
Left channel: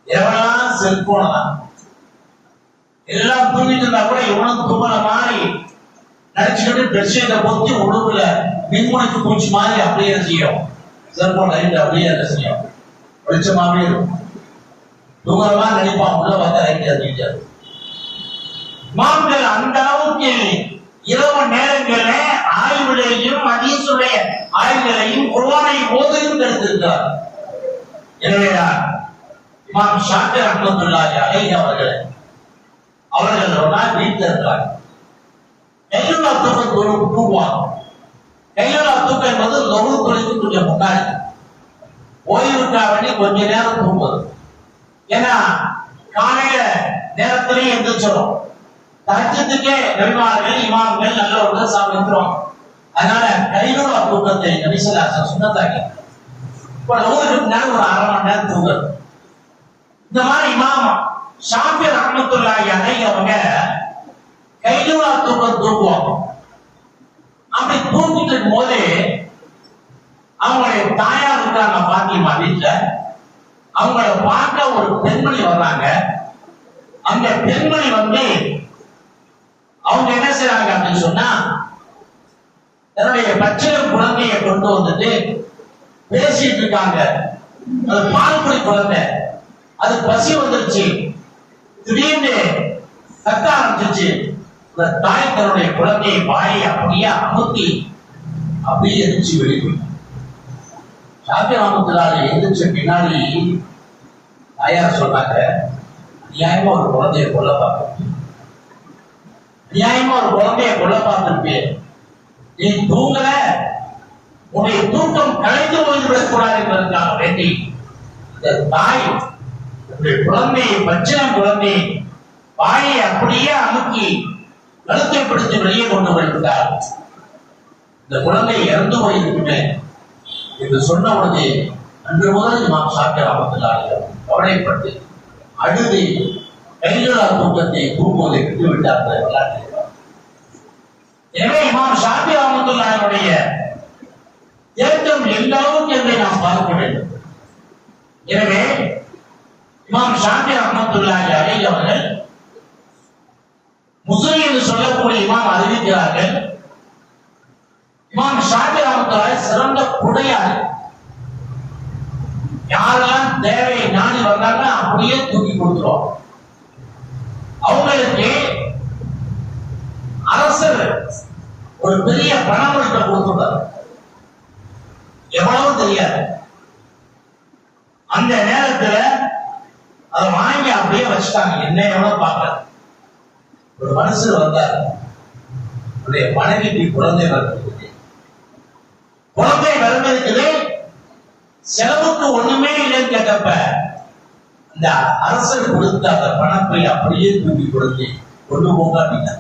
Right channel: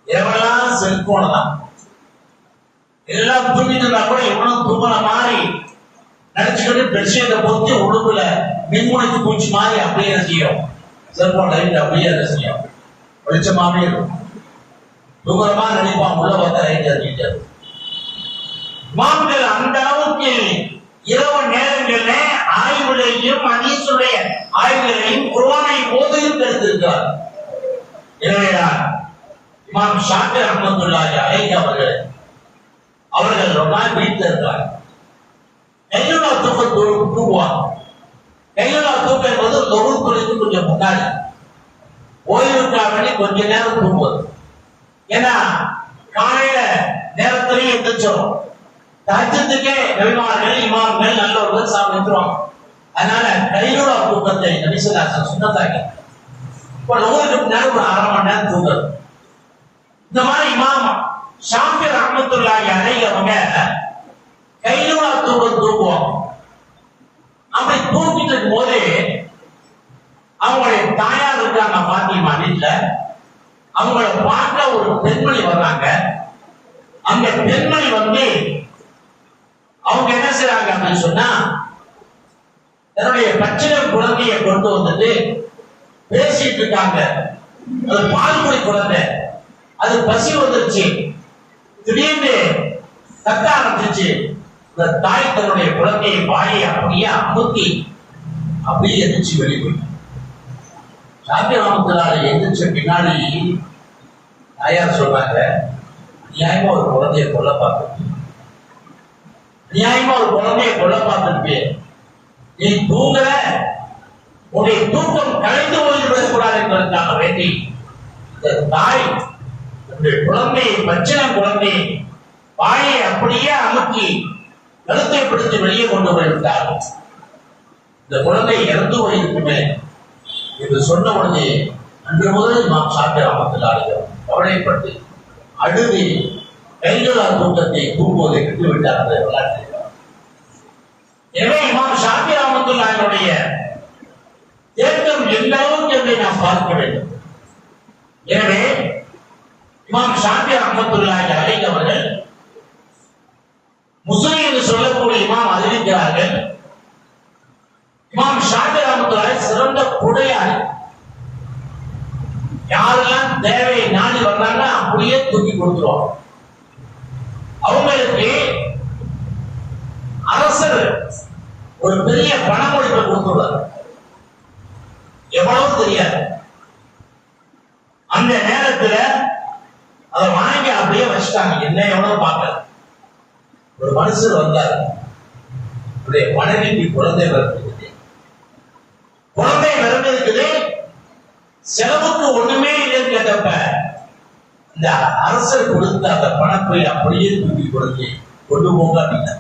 இரவெல்லாம் செல்போனு தான். எல்லாம் தூங்கிட்டு இருந்தா கூட இவனும் தூங்கின மாதிரி நடிச்சுக்கிட்டு பெட்ஷீட்டை பொத்தி உடம்புல மின்முனைக்கு பூச்சி மாதிரி அப்படியே செய்யும். செல்போன் லைட் அப்படியே என்ன செய்யும், வெளிச்சமாவே இருக்கும். தூங்குறமா நடிப்பான், உள்ள பார்த்தா லைட் அறிவிட்டு மான்கள் அந்த அளவுக்கு இரவு நேரங்களில் ஆய்வுகளையும் ஹதீஸுடைய ஆய்வுகளையும் குர்ஆனை ஓதையும் எடுத்திருக்கிறார். எனவேதான் இமாம் ஷாஃபி ரஹ்மத்துல்லாஹி அலைஹி அவர்கள் ரொம்ப நாள் வீட்டில் இருக்கிறாங்க. கைலுலா தூக்கம் தூங்குவாங்க. கைலுலா தூக்கம் என்பது லொரு தொழிலுக்கு கொஞ்சம் முன்னாடி ஓய்வுக்காக வேண்டி கொஞ்ச நேரம் தூங்குவது. ஏன்னா காலையில நேரத்திலேயே எந்திரிச்சிடும். தஹஜ்ஜுதுக்கே நபிமார்கள் இமாம்கள் நல்லவர்கள் சாப்பிட்டுருவாங்க. அதனால கைலுலா தூக்கத்தை நபி ஸல்லல்லாஹு அலைஹி வஸல்லம் சுன்னத்தாக்கி இப்ப லொருக்கு முன்னாடி ஒரு 1/2 மணி நேரம் தூங்குறது. இந்த மாதிரி இமாம் ஷாஃபி ரஹ்மத்துல்லாஹி அலைஹி அவங்க கைலுலா தூக்கம் தூங்குவாங்க. அப்படி தூங்கிட்டு இருக்கும் போது அவங்களுடைய தாயார் இருக்காங்க பாத்திமா வீட்டுல. அவங்கள பார்க்க ஒரு பெண்மணி வர்றாங்க. அந்த பெண்மணி வந்து அவங்க என்ன செய்றாங்க அப்படின்னு சொன்னா தன்னுடைய பச்சிலை குழந்தையை கொண்டு வந்துட்டு பேசிட்டு இருக்காங்க. அது பால்குடி குழந்தை, அது பசி வந்துருச்சு, திடீர்னு கத்த ஆரம்பிச்சிச்சு. இந்த தாய் தன்னுடைய குழந்தையை வாயை அப்படியே அமுத்தி அப்படியே எந்திரிச்சு வெளியே ஷாஃபி ரஹ்மத்துல்லாஹி எந்திரிச்ச பின்னாடி தாயார் சொல்றாங்க, நியாயமா ஒரு குழந்தைய கொல்ல பார்க்க, நியாயமா ஒரு குழந்தைய கொல்ல பார்த்துருப்பே, நீ தூங்கல, உன்னுடைய தூக்கம் கலைந்து போய்விடக் கூடாது என்பதற்காக வேண்டி இந்த தாய் உன்னுடைய குழந்தையை பச்சிளம் குழந்தையை வாயை அப்படியே அமுக்கி கழுத்தை பிடித்து வெளியே கொண்டு போய்விட்டார். இந்த குழந்தை இறந்து போயிருக்குமே என்று சொன்ன உடனே அன்று முதல் இமாம் ஷாஃபி ரஹ்மத்துல்லாஹி கவலைப்பட்டு அழுது கைலுலா தூக்கத்தை தூங்குவதை விட்டுவிட்டார் அந்த வரலாற்று. எனவே இமாம் ஷாஃபி ரஹ்மத்துல்லாஹியுடைய தேட்டம் எந்த அளவுக்கு என்பதை நாம் பார்க்க வேண்டும். எனவே இமாம் ஷாஃபி ரஹ்மத்துல்லாஹி அலைஹி அவர்கள் முஸ்லிம் என்று சொல்லக்கூடிய இமாம் அறிவிக்கிறார்கள், இமாம் ஷாஃபி ரஹ்மத்துல்லாஹி சிறந்த குடையாளி. யாரெல்லாம் தேவையை நாடி வந்தாங்க அப்படியே தூக்கி கொடுத்துருவாங்க. அவங்களுக்கு அரசர் ஒரு பெரிய பணமளிப்பை கொடுத்துள்ளார். எவ்வளவு தெரியாது. அந்த நேரத்துல அதை வாங்கி அப்படியே வச்சுட்டாங்க. என்ன எவ்வளவு பார்க்கல. ஒரு மனுஷர் வந்தார், அவருடைய மனைவிக்கு குழந்தை வருகிறது. குழந்தை வருகிறது, செலவுக்கு ஒண்ணுமே இல்லைன்னு கேட்டப்ப இந்த அரசர் கொடுத்த அந்த பணப்பை அப்படியே தூக்கி கொடுத்து கொண்டு போங்க அப்படின்னா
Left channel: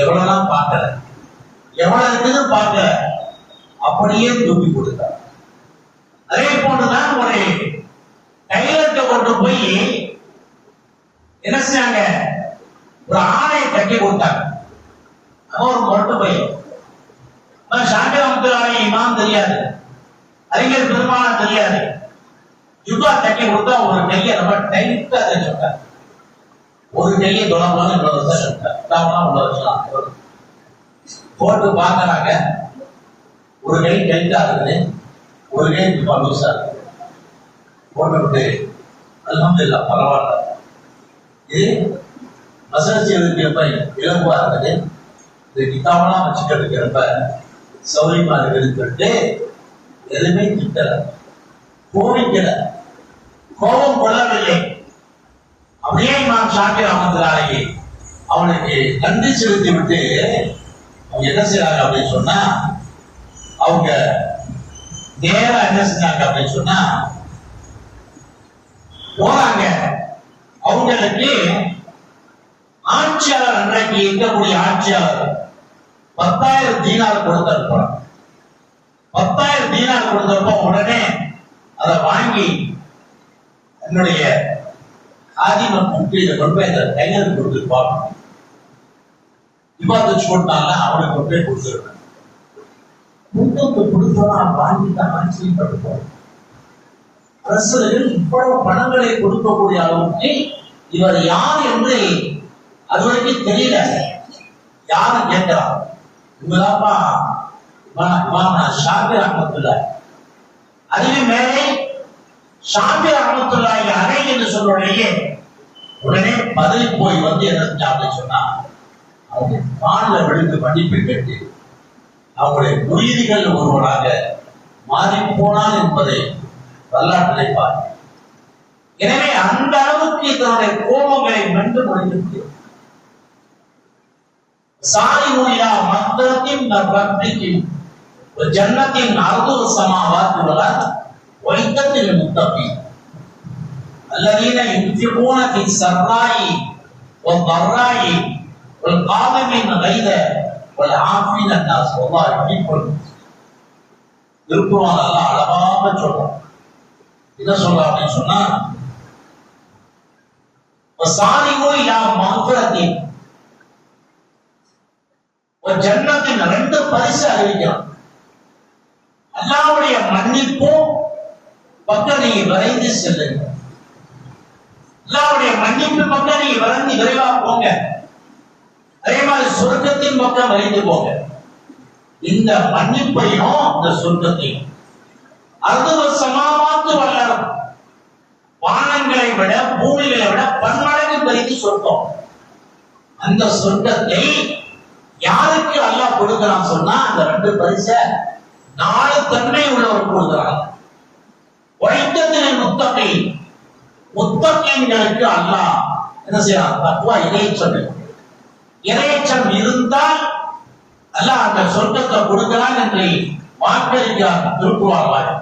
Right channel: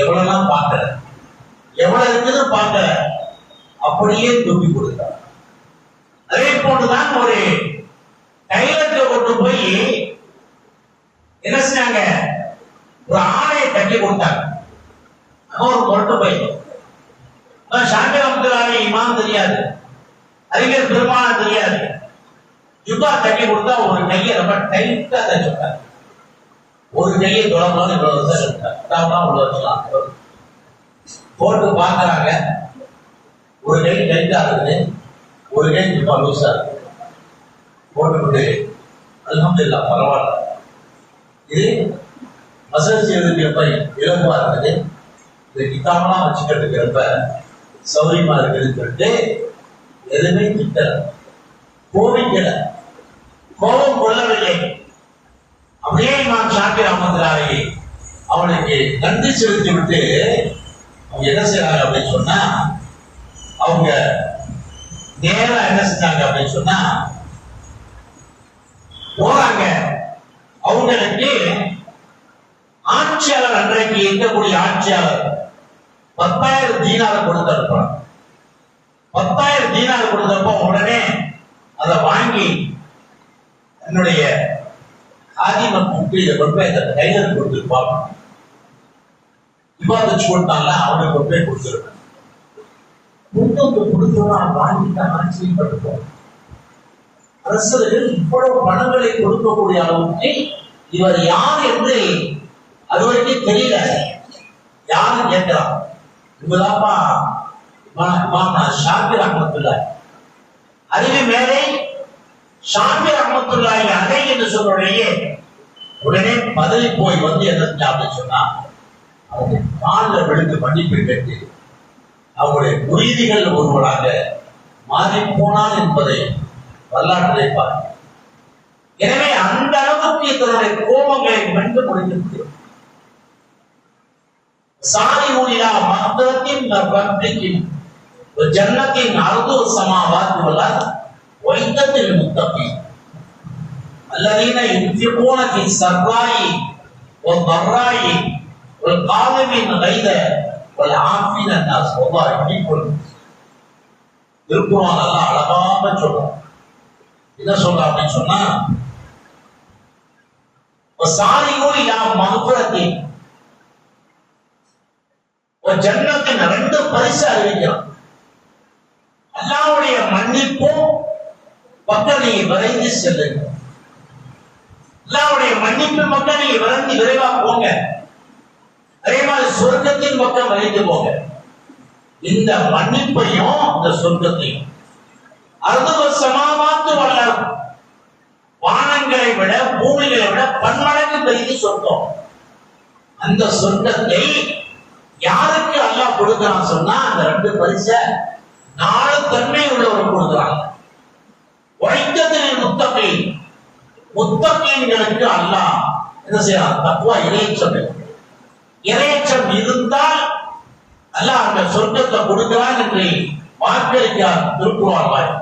எவ்வளவுலாம் பார்க்கல, எவ்வளவு இருக்குன்னு பார்க்கல, அப்படியே தூக்கி கொடுத்தார். அதே போன்றுதான் ஒரு டைலர்கிட்ட கொண்டு போய் என்ன செஞ்சாங்க, ஒரு ஆணையை கட்டி கொடுத்தாங்க. ஒரு கொண்டு போய் ஷாஃபி ரஹ்மத்துல்லாஹி இமாம் தெரியாது, அறிஞர் பெருமானார் தெரியாது, யுகா தட்டி கொடுத்தா ஒரு கையை ரொம்ப டைட்டா தச்சுட்டார். ஒரு கையை தொடர்பான இவ்வளவு வருஷம் போட்டு பார்க்கறாங்க. ஒரு கை டைட்டா இருக்குது, ஒரு கை ரொம்ப லூசா இருக்கு. போட்டு அல்ஹம்துலில்லாஹ் பரவாயில்ல. இது மசல் செய்வதற்கு இலகுவா இருக்குது, இது கிதாபெல்லாம் வச்சுக்கிறதுக்கு ரொம்ப சௌரியமா இருக்குதுன்னு சொல்லிட்டு எதுவுமே திட்டல, கோபிக்கல, கோபம் கொள்ளவில்லை. அப்படியே இமாம் ஷாஃபி ரஹ்மத்துல்லாஹி அவனுக்கு நன்றி செலுத்தி விட்டு அவங்க என்ன செய்யறாங்க அப்படின்னு சொன்னா, அவங்க நேரா என்ன செஞ்சாங்க அப்படின்னு சொன்னா போறாங்க. அவங்களுக்கு ஆட்சியாளர், அன்றைக்கு இருக்கக்கூடிய ஆட்சியாளர் 10,000 தீனார் கொடுத்திருப்பார். 10,000 தீனார் கொடுத்தப்போ உடனே அதை வாங்கி என்னுடைய ஆதிம கூட்டி இதை கொண்டு போய் அந்த டைலர் கொடுத்துருப்பாங்க. விவாதிச்சு கொடுத்தாங்க, அவனுக்கு கொண்டு போய் கொடுத்துருக்கேன். கொடுத்தோம்னா வாங்கிட்டான் ஆச்சரியப்பட்டுப்போம். அரசர்கள் இவ்வளவு பணங்களை கொடுக்கக்கூடிய அளவுக்கு இவர் யார் என்று அதுவரைக்கும் தெரியல. யாரு கேட்கிறான், இவதாப்பா ஷாஃபி ரஹ்மத்துல்லாஹி. அதுவே மேலே ஷாஃபி ரஹ்மத்துல்லாஹி அலைஹி என்று சொல்றோடையே உடனே பதவி போய் வந்து என்ன அப்படின்னு சொன்னா அவங்க காலில் விழுந்து மன்னிப்பு கேட்டு அவங்களுடைய முரீதிகள் ஒருவராக மாறி போனான் என்பதை வரலாற்றை பார்க்க. எனவே அந்த அளவுக்கு தன்னுடைய கோபங்களை மென்று முடிந்து சாரிஉ இலா மக்ஃபிரத்தின் மின் ரப்பிக்கும் வ ஜன்னத்தின் அர்துஹு ஸமாவாத்து வல் அர்த் உஇத்தத் லில் முத்தகீன் அல்லதீன யுன்ஃபிகூன ஃபி ஸர்ராஇ வல் ضراء வல் காதிமின் கைத வல் ஆஃபீன அன்னாஸ் வல்லாஹு யுஹிப்புல் திருக்குர்ஆன் அல்லாஹ் அழகாக சொல்றான். என்ன சொல்றான் அப்படின்னு சொன்னா, வசாரிஉ இலா மக்ஃபிரத்தின் வ ஜன்னத்தின் ரெண்டு பரிசு அறிவிக்கிறான். அல்லாஹ்வுடைய மன்னிப்பும் பக்கம் நீங்க விரைந்து செல்லுங்க. அல்லாஹ்வுடைய மன்னிப்பு பக்கம் நீங்க விரைவா போங்க. அதே மாதிரி சொர்க்கத்தின் பக்கம் விரைந்து போங்க. இந்த மன்னிப்பையும் இந்த சொர்க்கத்தையும் அர்துஹு ஸமாவாத்து வல் அர்த் வானங்களை விட பூமிகளை விட பன்மடங்கு பெரிய சொர்க்கம். அந்த சொர்க்கத்தை யாருக்கு அல்லாஹ் கொடுக்கிறான் சொன்னா, அந்த ரெண்டு பரிசை 4 தன்மை உள்ளவர் கொடுக்கிறாங்க. உழைத்ததில் முத்தகீன்களுக்கு அல்லாஹ் என்ன செய்யறான்? தக்வா இறையச்சம் இருந்தால் அல்லாஹ் அந்த சொர்க்கத்தை கொடுக்கிறான் என்று வாக்களிக்கிறார் திருக்குர்ஆன்.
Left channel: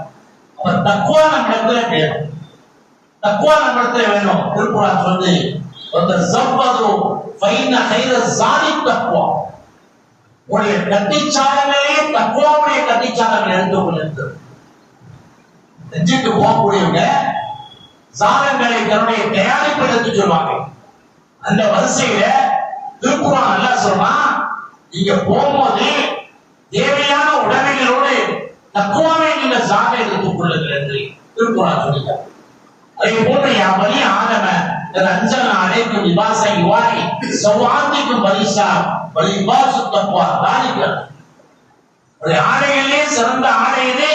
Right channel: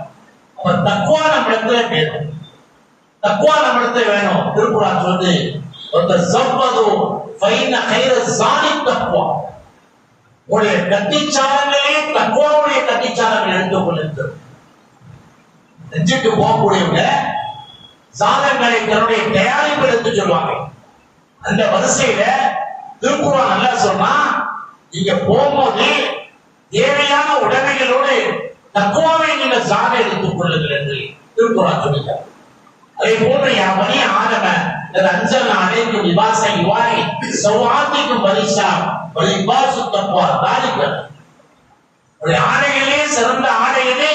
அப்ப தக்வா நம்மிடத்துல வேணும். தக்வா நம்மிடத்துல வேணும். திருக்குர்ஆன் சொல்லுது, "வதஸவ்வது ஃபைன கைர ஸாதி தக்வா." உடைய கட்டிச்சாரங்களே தக்வாவுடைய கட்டிச்சாரங்கள் எடுத்துக்கொள்ளுங்கள். நெஞ்சுக்கு போகக்கூடியவங்க சாதங்களை தன்னுடைய தயாரிப்பு எடுத்து சொல்லுவாங்க. அந்த வரிசையில திருக்குர்ஆன் அல்லாஹ் சொன்னா, நீங்க போகும்போது தேவையான உடைமைகளோடு தக்வாவை நீங்க சாக எடுத்துக் கொள்ளுங்கள் என்று திருக்குர்ஆன் சொல்லுகிறார். அதே போன்று யா பனி ஆதம அன்சல்னா அலைக்கும் லிபாஸை யுவாரி சௌஆத்திக்கும் பரிசா வல் லிபாஸு தக்வா தாலிக. ஒரு ஆடையிலே சிறந்த ஆடையிலே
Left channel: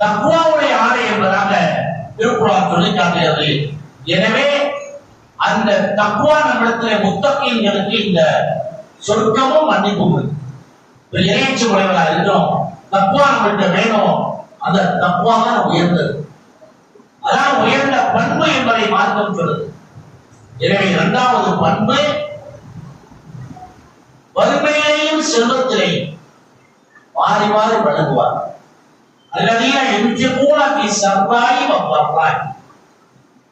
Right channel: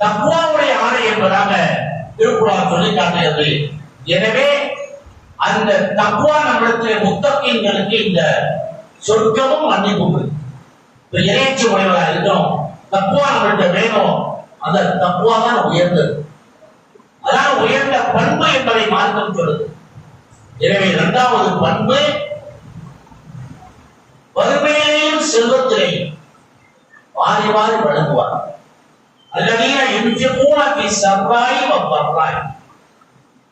தக்வாவுடைய ஆடை என்பதாக திருக்குர்ஆன் சொல்லி காட்டுகிறது. எனவே அந்த தக்வா நம்மிடத்திலே முத்தகீன்களுக்கு இந்த சொர்க்கமும் மன்னிப்பும் இப்ப இறைச்சி உடையவராக இருக்கணும். தக்வா நம்மகிட்ட வேணும். அந்த தக்வா தான் உயர்ந்தது. அதான் உயர்ந்த பண்பு என்பதை மார்க்கம் சொல்லுது. எனவே 2வது பண்பு வறுமையிலேயும் செல்வத்திலேயும் வாரி வாரி வழங்குவார். அல்லதீன யுன்ஃபிகூன ஃபி ஸர்ராஇ வ ضراء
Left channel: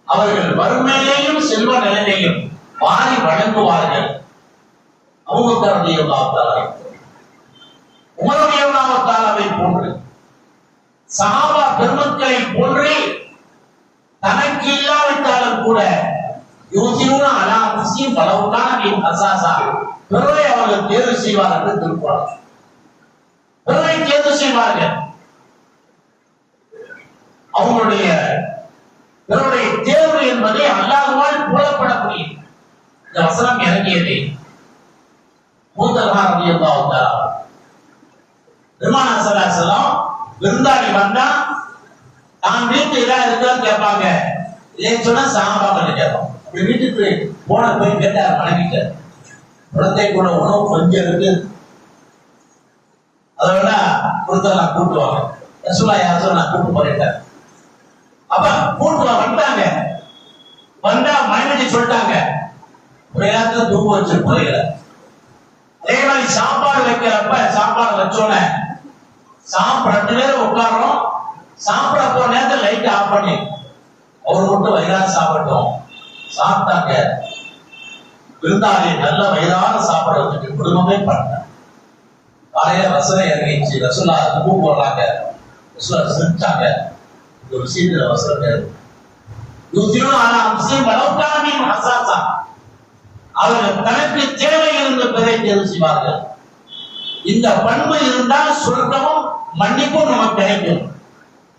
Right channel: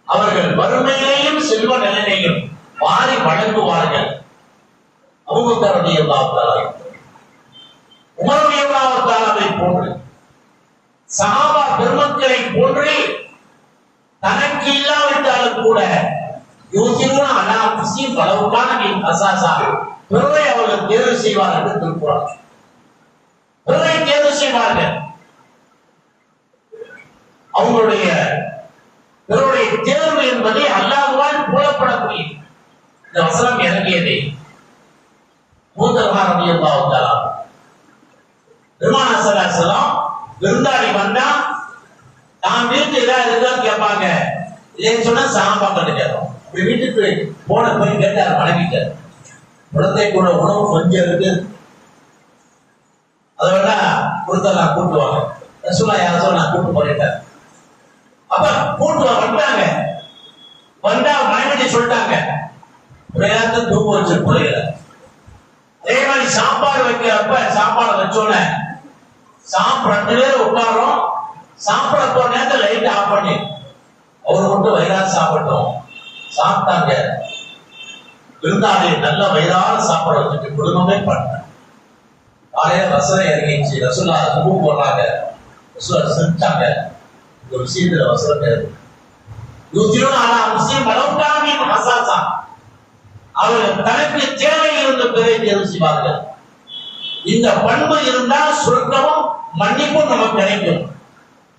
அவர்கள் வறுமையிலேயும் செல்வ நிலையிலேயும் வாரி வழங்குவார்கள். அபூபக்கர் ரலியல்லாஹு தஆலா, உமர் ரலியல்லாஹு தஆலாவை போன்று சஹாபா பெருமக்களை போன்று தனக்கு இல்லாவிட்டாலும் கூட யூசிரூன அலா அன்ஃபுஸிஹிம் வலவ் கான பிஹிம் ஹஸாஸா பிறரை அவர்கள் தேர்வு செய்வார் என்று திருக்குர்ஆன். பிறரை தேர்வு செய்வார்கள். அவங்களுடைய பிறருடைய தேர்வு என்பதை அல்லாஹ்வால் புலப்படக்கூடிய இந்த வசனம் இறங்கியதை மூத்தர்மார் ரலியல்லாஹு தஆலா பெருமானார் ஸல்லல்லாஹு அலைஹி வஸல்லம் விருந்தாளி வந்தா தான் வீட்டு ஏதாவது இருக்கான்னு கேட்பாங்க. இல்லைன்னு சொன்னா சஹாபாக்கள் கேட்போம். இப்படி வீட்டுக்கு போன போய் கேட்டார், வணங்கிட்டார். குழந்தை கூட உணவு கொஞ்சம் இருக்கு, அதோட கொடுத்தெல்லாம் கூட்டுவாங்க. ரசூலுல்லாஹி யாரும் நான் கூட்டு போறேன். அப்ப கூட்டுல வந்தாங்க. வந்தா மனைவி சொல்லிட்டாங்க, ஒரு இடத்துல தூக்க வச்சு போறீங்க. அதே மாதிரி சாப்பாடு வைக்கிறப்ப சாப்பாடு வச்சோட சாப்பிட 2 பேரும் உட்காரோம். சாப்பிட போன நேரத்தில் லைட் ஆஃப் பண்ணி அவர் மட்டும் வயிறார சாப்பிட்டோம். சாப்பிட்டாங்க. விருந்தாளி நல்ல வயிறார சாப்பிட வச்சுட்டு குடும்பமே பண்ண காலையில வசனம் இறங்கிச்சு. ரசூலுல்லாஹ் தூக்கு போடுறாங்க. ரசூலுல்லாஹ் சிரிச்சாங்க. இந்த விஷயத்துல வசனம் இருக்கு. அவர்கள் தனக்கு தேவையிலிருந்து பிறரை தேர்வு செய்வார்கள். இந்த பண்பு இருந்தால் சொர்க்கமும் மன்னிப்பும் நமக்கு கிடைக்கும்.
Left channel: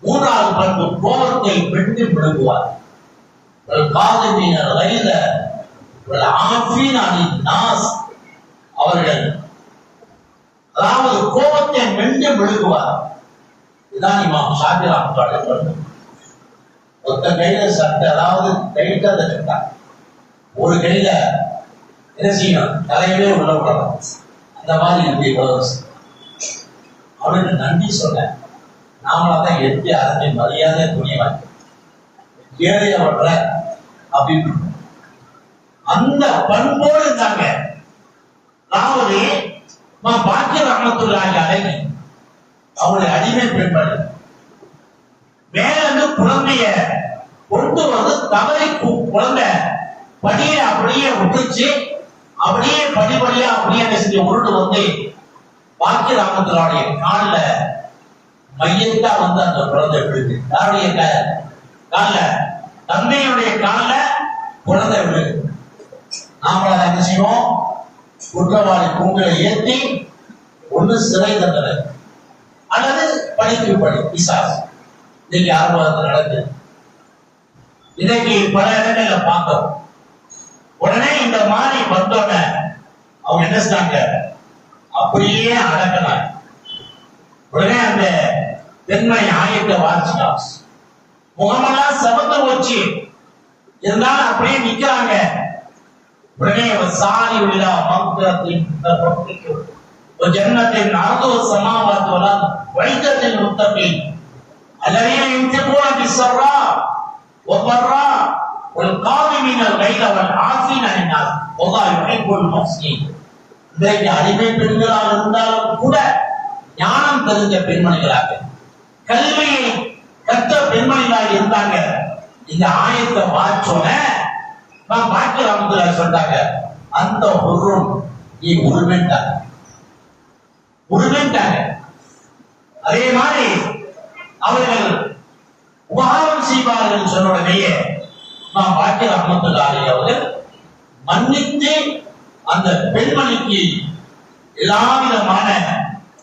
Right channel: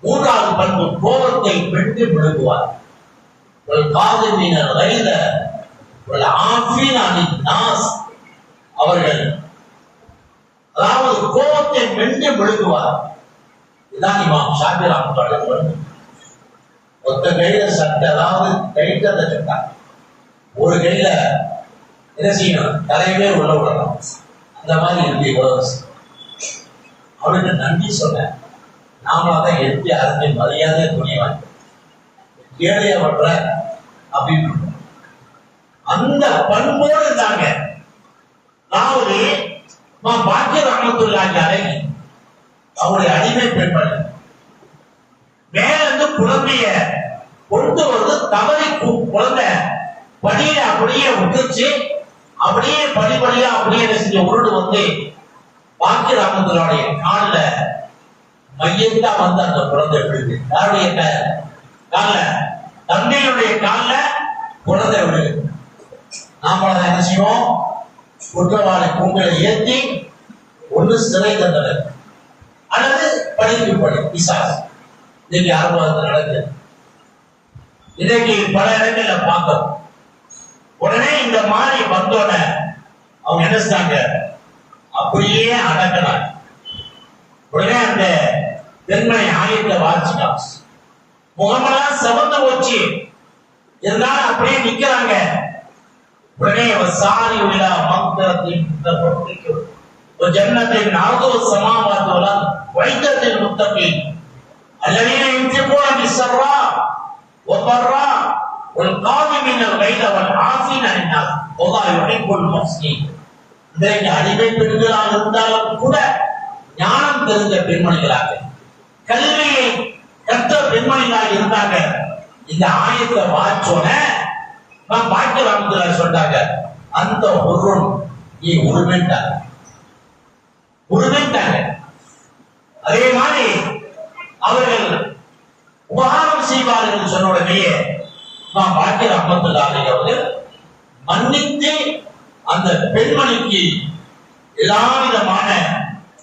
3வது பண்பு கோபத்தை வெட்டி விழுங்குவார். அவர்கள் அதாவது கோபத்தை வெட்டி விழுங்குவார். இதுதான் இமாம் ஷாஃபி ரஹ்மத்துல்லாஹி அலைஹி. ஒத்த கையில சட்டை, அதாவது கைட்ட சட்டை, ஒரு கையில என்ன செய்யணும், தலையிலே உள்ள விடணும். அந்த மாதிரி இருக்கு. இவ்வளவு அவனுக்கு நன்றி சொன்ன நாமளாதான் எட்டி அரசை மரியாதை துணிவாங்க ஏழைய வர்ற அப்படின்னு அந்த பண்போடு இருந்தாங்க. அதாவது பாக்கிய ரஹ்மத்துல்லாஹி அலைஹி அவருடைய அடிமை பெண்மணி மேலிருந்து குழந்தைய கொண்டு வந்து தவறி குழந்தை படியில அப்படியே விட்டுச்சு. அப்படியே படிப்படியா அப்படியே செஞ்ச உருண்டு வந்து பாக்கிய ரஹ்மத்துல்லாஹுடைய கால்ல மையத்தா வந்து அந்த குழந்தை விழுது. யாருடைய கால்ல? தந்தையுடைய கால்ல குழந்தை விழுது. நாம என்ன செய்வோம்? குற்றவாளி கூங்களை ஏற்றி ஒன்று சிறை தண்டனை அல்லது படிப்பு படி பிசாசு. இன்னைக்கு ஆர்வத்தில் நடக்குது. இன்னைக்கு பல இடங்கள்ல பார்த்தோம். உடனே இந்த மாதிரி வந்தோட அவங்க என்ன செஞ்சாங்க? அப்படியே அடக்கலாம். உடனே அந்த பெண்மணி ஆயத்தை வாசிட்டாங்க. முகமெல்லாம் செவந்து போச்சு. இருந்தாலும் அப்படியே நிக்கிறாங்க. உடனே சாரி உள்ள மந்திரத்தின் ஜன்னத்தின் நார்தோ சமாவாத்துவலாம் வைத்தத்தில் முத்தப்பி الذين ينفقون بالسراء والضراء والقادمين الغيظ والعافين عن الناس والله يحب المحسنين. இன்றைக்கு அடிமை பெண்களாக இருந்தாலும் கூட ஞானம் தெரிந்த பெண்மணிகளாக கல்வியை கற்ற பெண்மணிகளாக இருந்தாங்க. இந்த ஆயத்தை வாச்சோன பாக்கிய ரஹ்மத்துல்லாஹி சொல்றாங்க, அந்த பொருள் நீ உருவிட்டாங்க. அதே மாதிரி அவர்கள் உபகாரம் செய்வார்கள் சொன்ன உடனேயே பாக்கிய ரஹ்மத்துல்லாஹி அவர்கள் மன்னித்து அந்த பெண்மணிக்கு எல்லா விதமான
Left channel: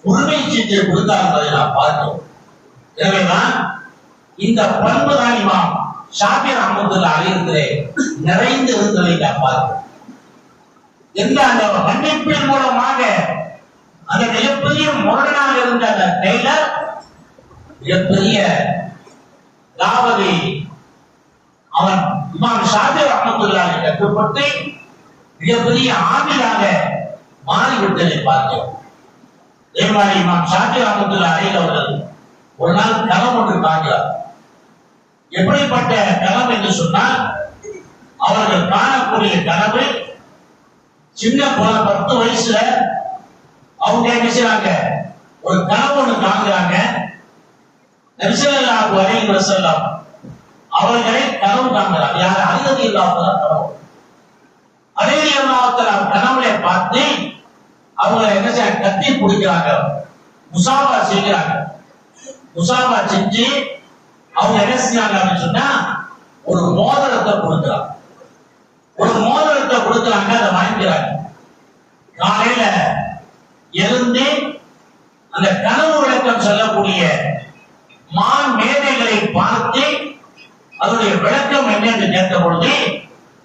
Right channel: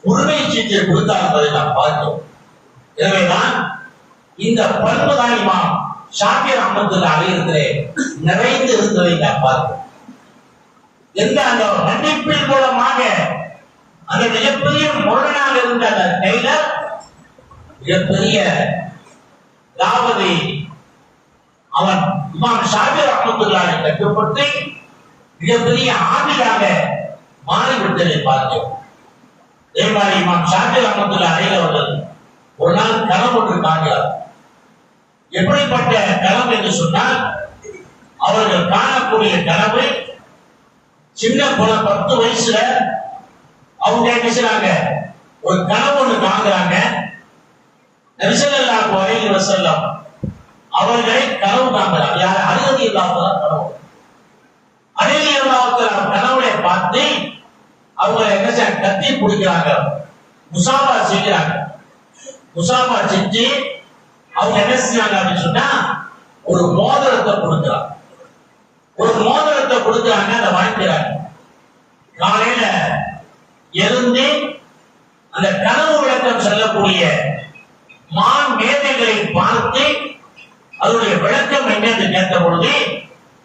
உரிமை சீட்டை கொடுத்தார் என்பதை நாம் பார்த்தோம். எனவேதான் இந்த பண்பு தான் இமாம் ஷாஃபி ரஹ்மத்துல்லாஹி அலைஹி நிறைந்து இருந்ததை நாம் பார்த்தோம். எந்த அந்த மன்னிப்பின் மூலமாக அந்த மிகப்பெரிய முரணாக இருந்த அந்த டெய்லர் மிகப்பெரிய அதாவது அவன் இமாம் ஷாஃபி ரஹ்மத்துல்லாஹி கட்டுப்பட்டு மிகப்பெரிய ஆமிலாக மாறிவிட்டதை பார்த்தோம். அதே மாதிரி இமாம் ஷாஃபி ரஹ்மத்துல்லாஹி அலைஹி அவர்கள் ஒரு நாள் கனவு ஒன்று காண்கிறார். எப்படிப்பட்ட கனவு என்று சொன்னால், அவர்கள் காணக்கூடிய கனவு சின்ன 10 வயசுல அவங்க என்ன செய்றாங்க? ஒரு கனவு ஒன்று காண்கிறாங்க. நபி ஸல்லல்லாஹு அலைஹி வஸல்லம் அவர்களை கனவு காண்கிறார். யார்? அலி ரலியல்லாஹு அன்ஹு கனவு. அலி ரலியல்லாஹு அன்ஹு கனவுல பார்த்து அவங்க என்ன செய்ய கத்தி பிடிக்கிறாங்க, முசாபா செய்கிறாங்க. முசாபா செஞ்சு அவங்க என்ன செஞ்சாங்க அப்படின்னு சொன்னா ஒரு மோதிரத்தை கொடுக்கிறாங்க. அதை வாங்கிக்கிறாங்க. காலையில எழுந்து அந்த கனவு விளக்கம் சொல்லக்கூடிய மான் மேதைகளை பார்த்து அதனுடைய விளக்கம் என்ன என்று கேட்ட பொழுது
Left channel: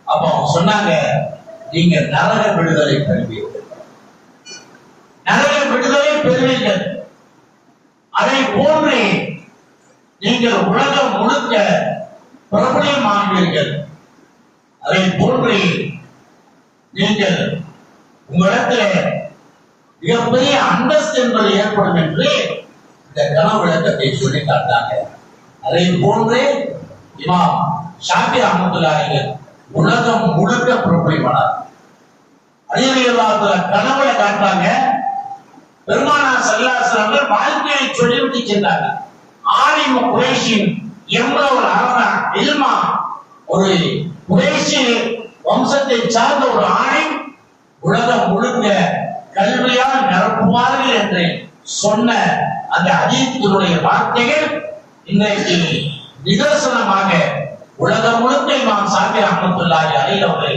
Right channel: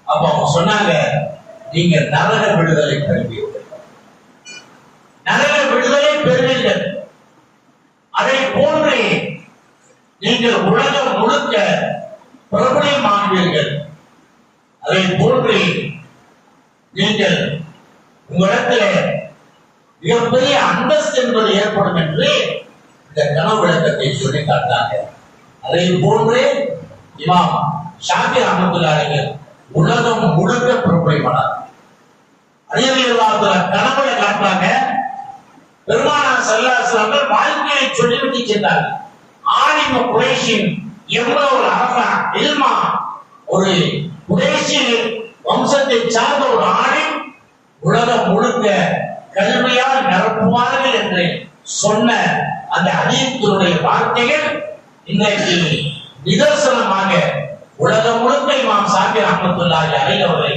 அப்ப அவங்க சொன்னாங்க, நீங்க நரக விடுதலை பெறுவீர்கள், நரக விடுதலை பெறுவீர்கள். அதை போன்று நீங்கள் உலகம் முழுக்க பிரபலமாகுவீர்கள். அதை போன்று நீங்கள் உங்களிடத்தில் மிகப்பெரிய அந்தஸ்து என்பது ஏற்படும் என்று இந்த கனவு விளக்கத்தை சொல்லி காட்டாங்க. அதை போன்று இமாம் ஷாஃபி ரஹ்மத்துல்லாஹி அலைஹி உலகம் முழுக்க பிரபலமானார். அலி ரலியல்லாஹு அன்ஹு கனவுல காட்டுறாங்க. பெருமானார் ஸல்லல்லாஹு அலைஹி வஸல்லம் வாழ்க்கையை சொல்லிவிட்டு சென்றார்கள். ஆலிம குறைஷின் எவ்வளவு அரசா இல்மா, ஒரு குறைஷி வம்சத்தை சார்ந்த ஒரு ஆலிம் உலகம் முழுக்க கல்வியால் நிரப்புவார்கள் என்று சொன்ன அந்த ஹதீஸினுடைய வார்த்தைகள் இன்றைக்கு நிதர்சனமாக உலகம் முழுக்க இமாம் ஷாஃபி ரஹ்மத்துல்லாஹி அலைஹி அவர்களை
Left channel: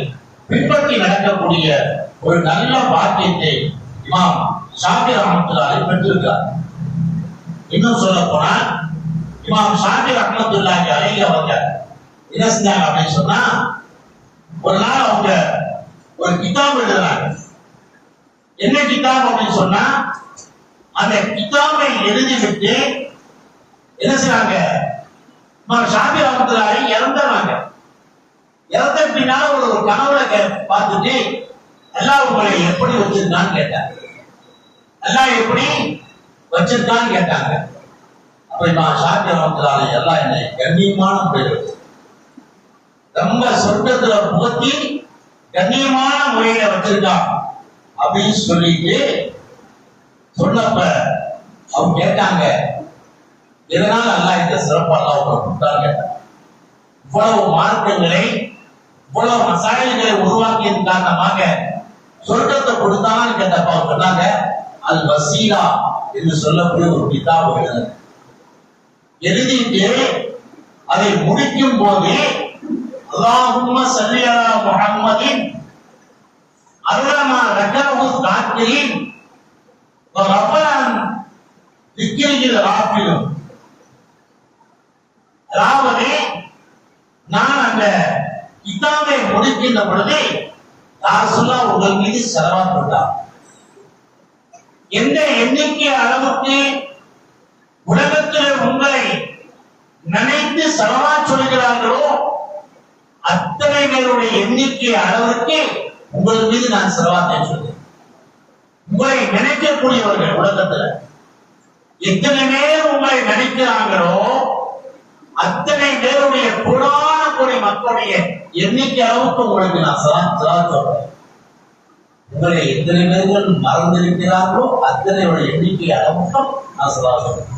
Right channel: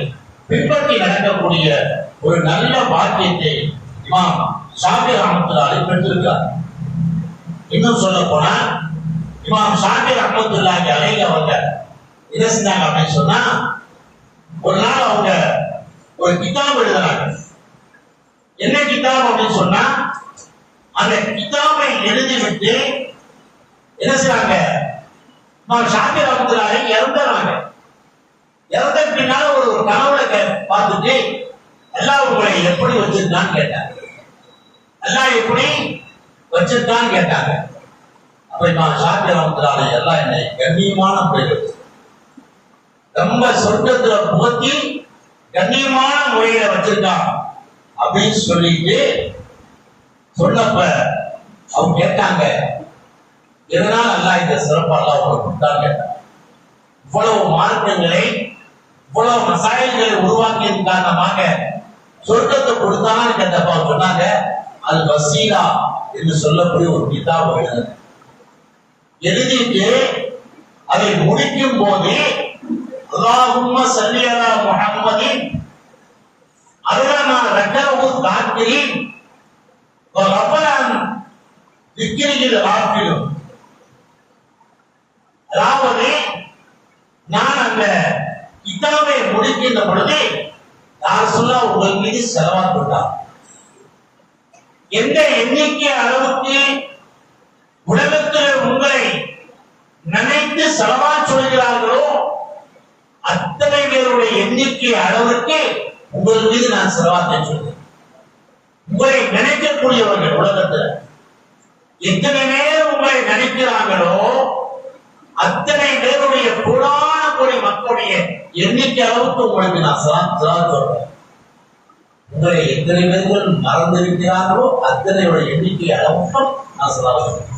பின்பற்றி நடக்கக்கூடிய ஒரு நல்ல பாக்கியத்தை இமாம் ஷாஃபி ரஹ்மத்துல்லாஹி அலைஹி பெற்றிருக்கிறார். இன்னும் சொல்ல போனா இமாம் ஷாஃபி ரஹ்மத்துல்லாஹி அலைஹி அவங்க என்ன செஞ்சாங்க அப்படின்னு சொன்னா, ஒரு நாள் அவங்க ஒரு கிதாப் எழுதுறாங்க. என்ன கிதாப் அப்படின்னு சொன்னா, அந்த கிதாபை எழுதிவிட்டு என்ன செய்றாங்க, இமாம் ஷாஃபி ரஹ்மத்துல்லாஹி அலைஹி இறந்துறாங்க. இறந்த பின்னால ஒரு கனவுல பார்த்துட்டு அல்லாஹ் உங்களை எப்படி வச்சிருக்கான்னு கேட்டாங்க. அல்லாஹ் எப்படி வச்சிருக்கான்னு கேட்டாங்க. அப்ப இமாம் ஷாஃபி ரஹ்மத்துல்லாஹி அலைஹி எல்லாம் என்னை கண்ணியமான பேர் வச்சு ரொம்ப சொர்க்கத்துல புகத்தி கண்ணியமான முறையில வச்சிருக்கான் அப்படின்னு சொல்லிட்டு சொன்னப்ப அவங்க கேட்டாங்க, இதனால் அல்லாஹ் இந்த சிறப்பெல்லாம் அவங்க கொடுத்தாங்க. இவ்வளவு மார்க்கங்களை இவ்வளவு மசாயல்களை உருவாக்கியதன் காரணமாக சொர்க்கத்தை கொடுத்தாங்கன்னு கேட்டப்ப அவங்க சொன்னாங்க, அது வசீலா என்று சொல்லக்கூடிய ஒரு கிதாப் எழுதிட்டு அதை முடிக்கும் போது அல்லாஹும்ம ஸல்லி அலா முஹம்மதின் அலமா ரக்கஹு தாக்கிரின் வ ரஃபஅன் திக்ரில் ராஃபிலும். அதாவது நான் அந்த கிதாபை முடிக்கின்ற பொழுது யார் சொல்ல உங்கள் மீது ஸலவாத் போட்டார். எந்த எண்ணிக்கை அளவுக்கு உலகத்தில் உங்களை நினைத்து ஸலவாத் சொல்கிறார்களோ அத்தனை பேருடைய எண்ணிக்கை அளவுக்கு உங்கள் மீது நான் ஸலவாத்தை சொல்கிறேன். உங்களை நினைக்கக்கூடியவர்கள் உலகத்தில் எத்தனை பேர் உங்களை நினைக்கிறாங்களோ அத்தனை பேருடைய புராண கூடிய மக்களுடைய எண்ணிக்கை அளவுக்கு உங்களுக்கு நான் ஸலவாத் சொல்றேன். உங்களை எத்தனை பேர்கள் மறந்திருக்கிறார்களோ அத்தனை எண்ணிக்கை அளவுக்கும் நான் ஸலவாத் சொல்றேன்.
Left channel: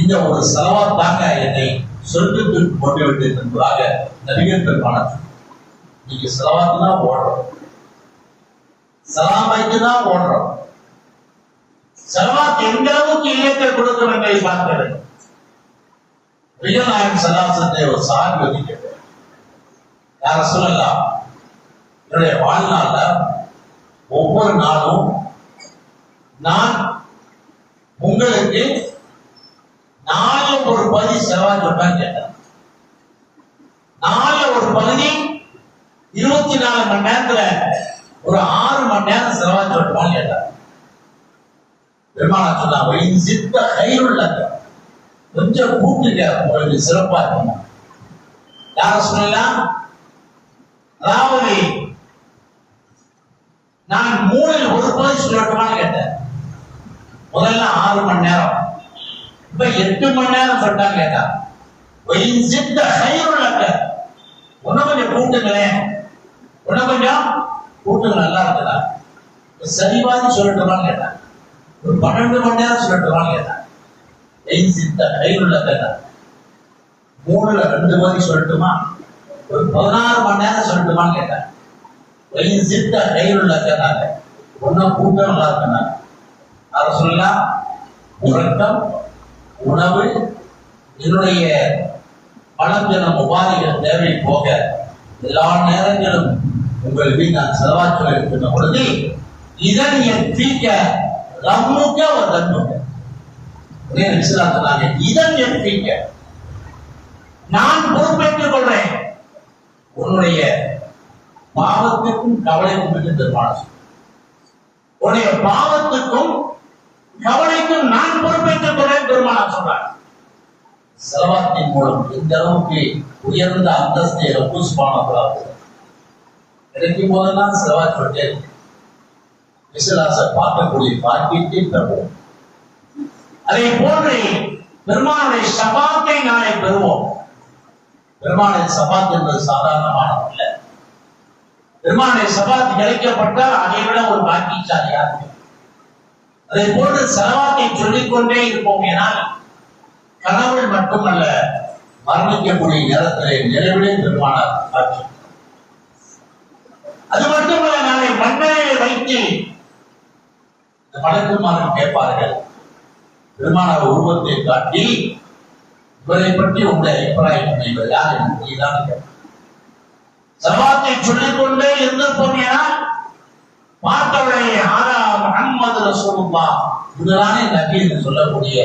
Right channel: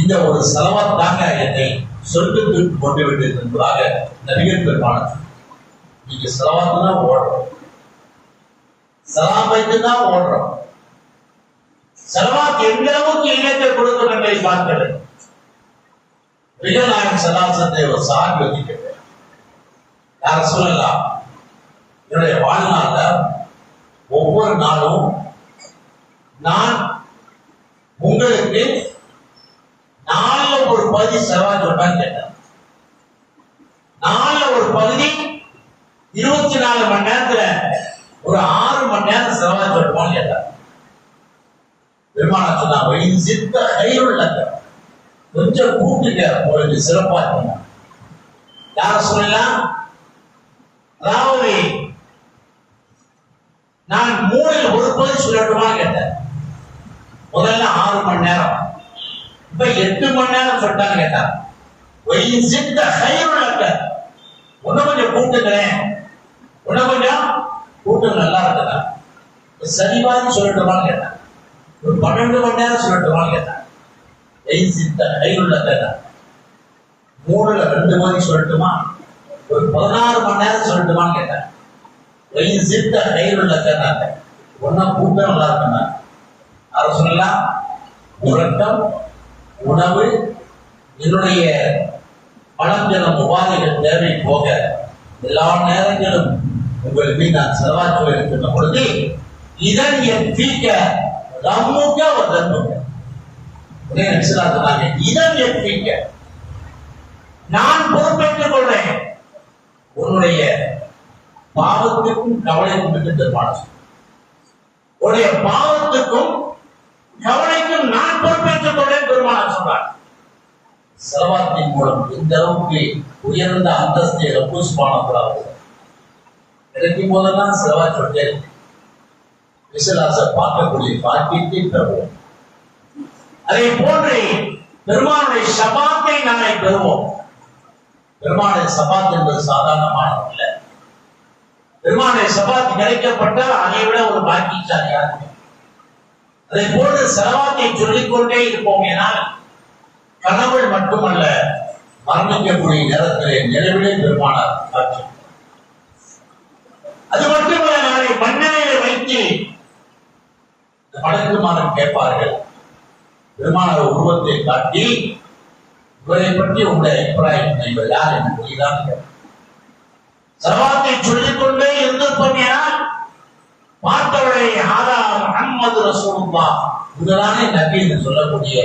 இந்த ஒரு ஸலவாத் தாங்க என்னை சொர்க்கத்திற்கு கொண்டு விட்டது என்பதாக நபிகள் பெருமானார். நீங்க ஸலவாத் தான் ஓடுறோம், சலாம் வைத்து தான் ஓடுறோம். ஸலவாத் எந்த அளவுக்கு இல்லத்தை கொடுக்கும் என்பதை பார்க்க வேண்டும். நாயகம் சல்லாசத்தை ஒரு சாமி வச்சுக்கிட்டு யார சொல்லலாம், என்னுடைய வாழ்நாள்ல ஒவ்வொரு நாளும் நான் உங்களுக்கு நாலுல ஒரு பகுதி ஸலவாத் சொல்றேன்னு கேட்டேன். நாலுல ஒரு பகுதி 24 மணி நேரத்துல ஒரு 6 மணி நேரம் ஸலவாத் சொல்றோம்னு கேட்டார். பெருமானார் சொன்னாங்க, கொஞ்சம் கூட்டுங்க, உங்களுக்கு சிறப்பா இருக்கும். யார சொல்லலாம், அதாவது நான் 3ல் ஒரு பகுதி சொல்லட்டுமான்னு கேட்டேன். முதல்ல 6 மணி நேரம், இப்ப 8 மணி நேரம் சொல்லிட்டான்னு கேட்டார். இன்னும் கொஞ்சம் கூட்டுங்களேன், இன்னும் கொஞ்சம் கூட்டுங்க, நல்லா இருக்குதா, சரிவான்னு சொல்லட்டுமான்னு கேட்டான். ஒரு 12 மணி நேரம் சொல்லட்டுமான்னு கேட்டான். 3ல் 2 மணி சொல்லட்டுமா, ஒரு 16 மணி நேரம் சொல்லட்டுமான்னு கேட்டான். ஒன்னும் கூட்டம் நல்லா இருக்குன்னா அதை சொல்லலாம். உறக்கம், உணவு, என்னுடைய பணம் உபாதைகள் தேவை போக எல்லா நேரங்களும் உங்கள் மீது நான் ஸலவாத் சொல்ல இருக்கின்ற பொழுது இதன் என் பீக்க ரம்முக்க ஒரு தன்முக்க சொன்னாங்க. இதன் என் பீக்க நான் பொறுப்பேற்றுக் கொள்றேன், உன்னுடைய பாவத்துக்கும் கவலைக்கும் பெருமானார், உன்னுடைய பாவத்துக்கும் கவலைக்கும் நான் பொறுப்பேற்றுக் கொள்றேன் பெருமானார் சொன்னார். ஸலவாத்தின் மூலம் இந்த அளவுக்கு உயர்ந்த அந்தஸ்தை ரப்பு சுப்ஹானஹு கிடைக்கும் போதெல்லாம் ஸலவாத் சொல்லிட்டே விசுவாச பார்க்கக்கூடிய பாக்கியத்தை பெறுவோம். அதை போன்று பெருமானுடைய ஷபாத்தை நாளை பெறுவோம். பெருமானுடைய ஷபாத் என்பது சாதாரணமானது இல்லை. பெருமானுடைய ஷபாத் கிடைக்கப்பட்டால் அதை விட ஒரு பாக்கியசாலியாக இருக்கும். அதை போன்று ஸலவாத்தை சொல்லிக்கொண்டே இருப்போம். ஏனால் கனவுள் மட்டுமல்ல, மரணிக்கக்கூடிய நேரத்திலே நிலவிலே பெருமானார் காட்சி. அது மட்டுமல்ல, நாளை மன்னரையை வைத்து மலக்குமாரன் கேட்பார்கள், பெருமானார் உருவத்தை காட்டி இவரை பற்றி உங்களுடைய அபிப்பிராயம், இவர் யார் என்று ஸலவாத்தை சொல்லிக்கொண்டே இருந்திருப்போம். ஏனால் பார்த்தவரை ஆதா முஹம்மது ரசூலுல்லாஹ் இதுதானே நபி என்று சொல்லக்கூடிய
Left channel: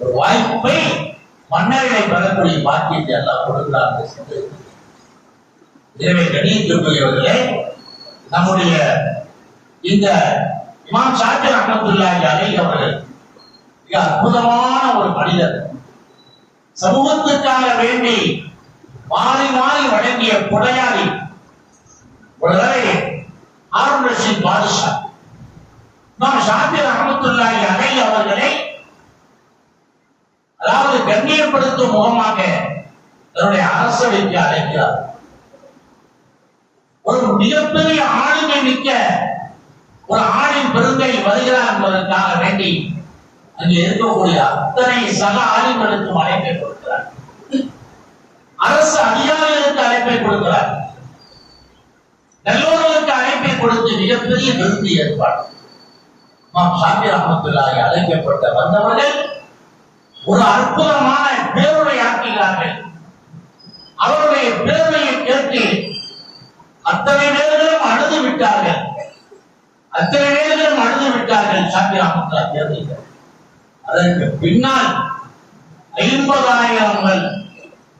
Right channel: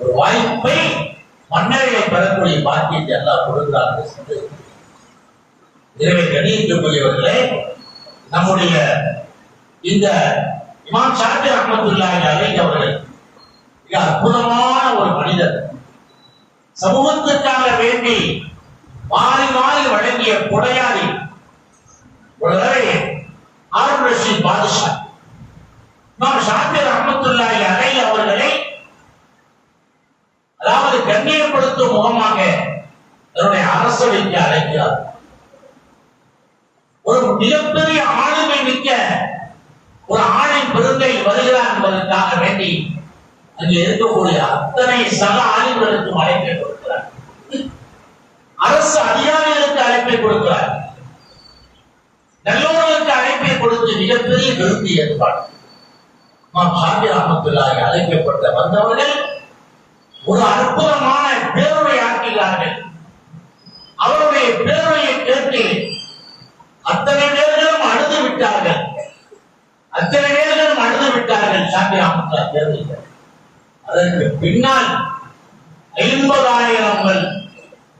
ஒரு வாய்ப்பை மன்னர்களை பெறக்கூடிய பாக்கியத்தை அல்லாஹ் கொடுக்கிறார்கள். எனவே கணியத்துக்குரியவர்களே, நம்முடைய இந்த இமாம் ஷாஃபி ரஹ்மத்துல்லாஹி அலைஹி அவர்கள் மிக அற்புதமான ஒரு மனிதர். சமூகத்துக்காக வேண்டி மாறி மாறி வழங்கிய கொடையாளி. ஒரு தடவை ஹாரூன் ரஷீத் பாதுஷா இமாம் ஷாஃபி ரஹ்மத்துல்லாஹி அலைஹி அவர்களை அதாவது கண்ணியப்படுத்தும் முகமாக தன்னுடைய அரசவைக்கு அழைக்கிறார். ஒரு மிகப்பெரிய ஆளுமை மிக்க ஒரு ஆளின் பெருங்கை வருகிறார் என்பதற்காக வேண்டி அங்கே இருக்கக்கூடிய அத்தனை சக ஆலிம்களுக்கும் அழைப்பை கொடுக்கிறார். அரசு அதிகாரிகளுக்கு அழைப்பை கொடுக்கிறார். நல்லோர்களுக்கு அழைப்பை கொடுத்து மிகப்பெரிய விருந்தி ஏற்பாடு. ஷாபிர் ரஹ்மத்துல்லாஹி அழைக்கப்பட்ட வந்தவர்கள் ஒரு அற்புதமான பேருரை ஆற்றுகிறார்கள். அவருடைய பேருரையை கேட்டு அத்தனை பேர்களும் அழுது விட்டார்கள். ஷாபிர் ரஹ்மத்துல்லாஹி தேர்ந்தெடுத்தார். அதற்கு பின்னால் 50,000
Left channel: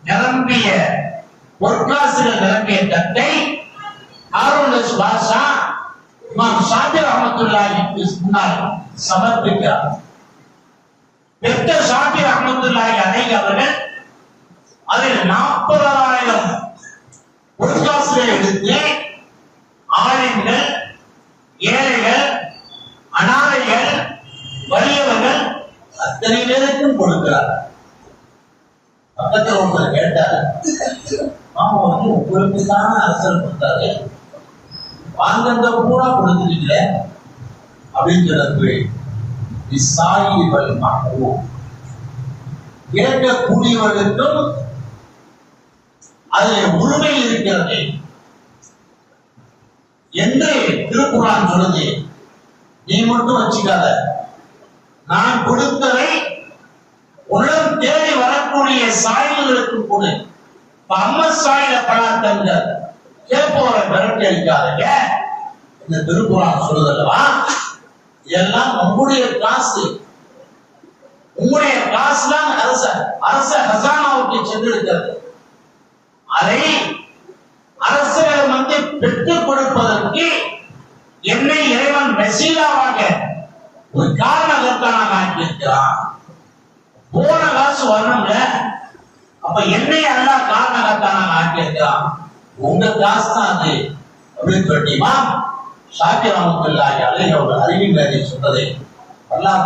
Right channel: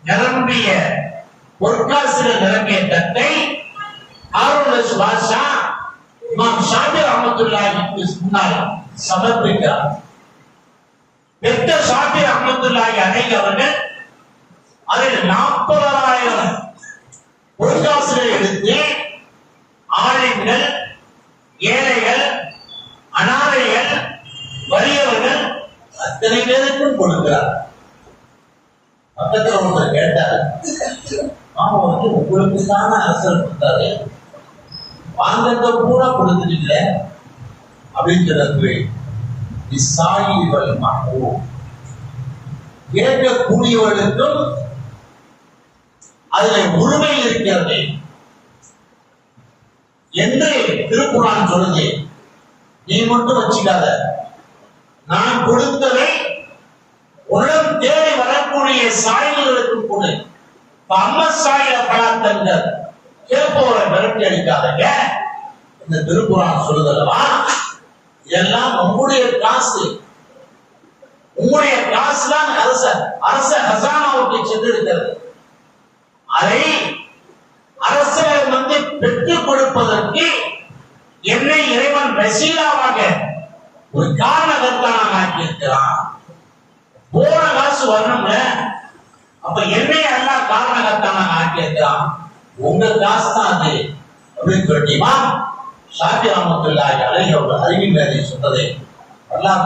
நிரம்பிய பொற்காசுகள் நிரம்பிய தட்டை ஹாரூன் ரஷீத் பாஷா இமாம் ஷாபிர் ரஹ்மத்துல்லாஹிக்கு முன்னால் சமர்ப்பிக்கிறார். பெற்ற ஷாபிர் ரஹ்மத்துல்லாஹி அலைஹி அவர்கள் அதில் 40,000 பொற்காசுகளை எடுத்து ஆலிம்கள், ஏழைகள், அனாதைகள், வறியவர்கள் அத்தனை பேருக்கும் கொடுக்கிறார். பக்கத்தில் ஒருத்தர் கேட்டார், மாமா உங்களுக்கு தானே அரசர் கொடுத்தாரு, வாங்கந்த பூரா கொடுத்துட்டீங்கள அப்படிங்கிறது கேட்கக்கூடியவர்களுக்கும் அதில் உரிமை இருக்கிறது என்று திருக்குர்ஆன் சொல்லுது. நீ மட்டும் வச்சுக்காத, நான் கொடுத்ததை உடன் தேடி வரக்கூடிய சாய்வுகளுக்கு கொடு. அம்ம சாயில பழாத்தங்கள் கேட்பவரை மிரட்டி அடிக்காதங்க. இந்த திருக்குர்ஆன் சொல்லுதல்லவா, எல்லாம் உங்களுடைய காசு. உங்களுடைய காசு தான் அரச ஹசானாவுக்கு சென்றிருக்கிறது. அதை அரசர் பெற்றுக் கொடுப்பதற்கு என்னை இறைவன் வசீலாவாக ஒரு காரணகர்த்தான ஆக்கியிருக்கிறான். போன காசு வரணும்ல, அப்ப என்னை அல்லாஹ் காரணகர்த்தான ஆக்கியிருக்கிறான். உங்க காசு தான் அது அப்படின்னு சொல்லிட்டுமா ஷாபிர் ரஹ்மத்துல்லாஹி அலைஹி அவர்கள் அறிவின் சொன்னதை அல்லாஹ்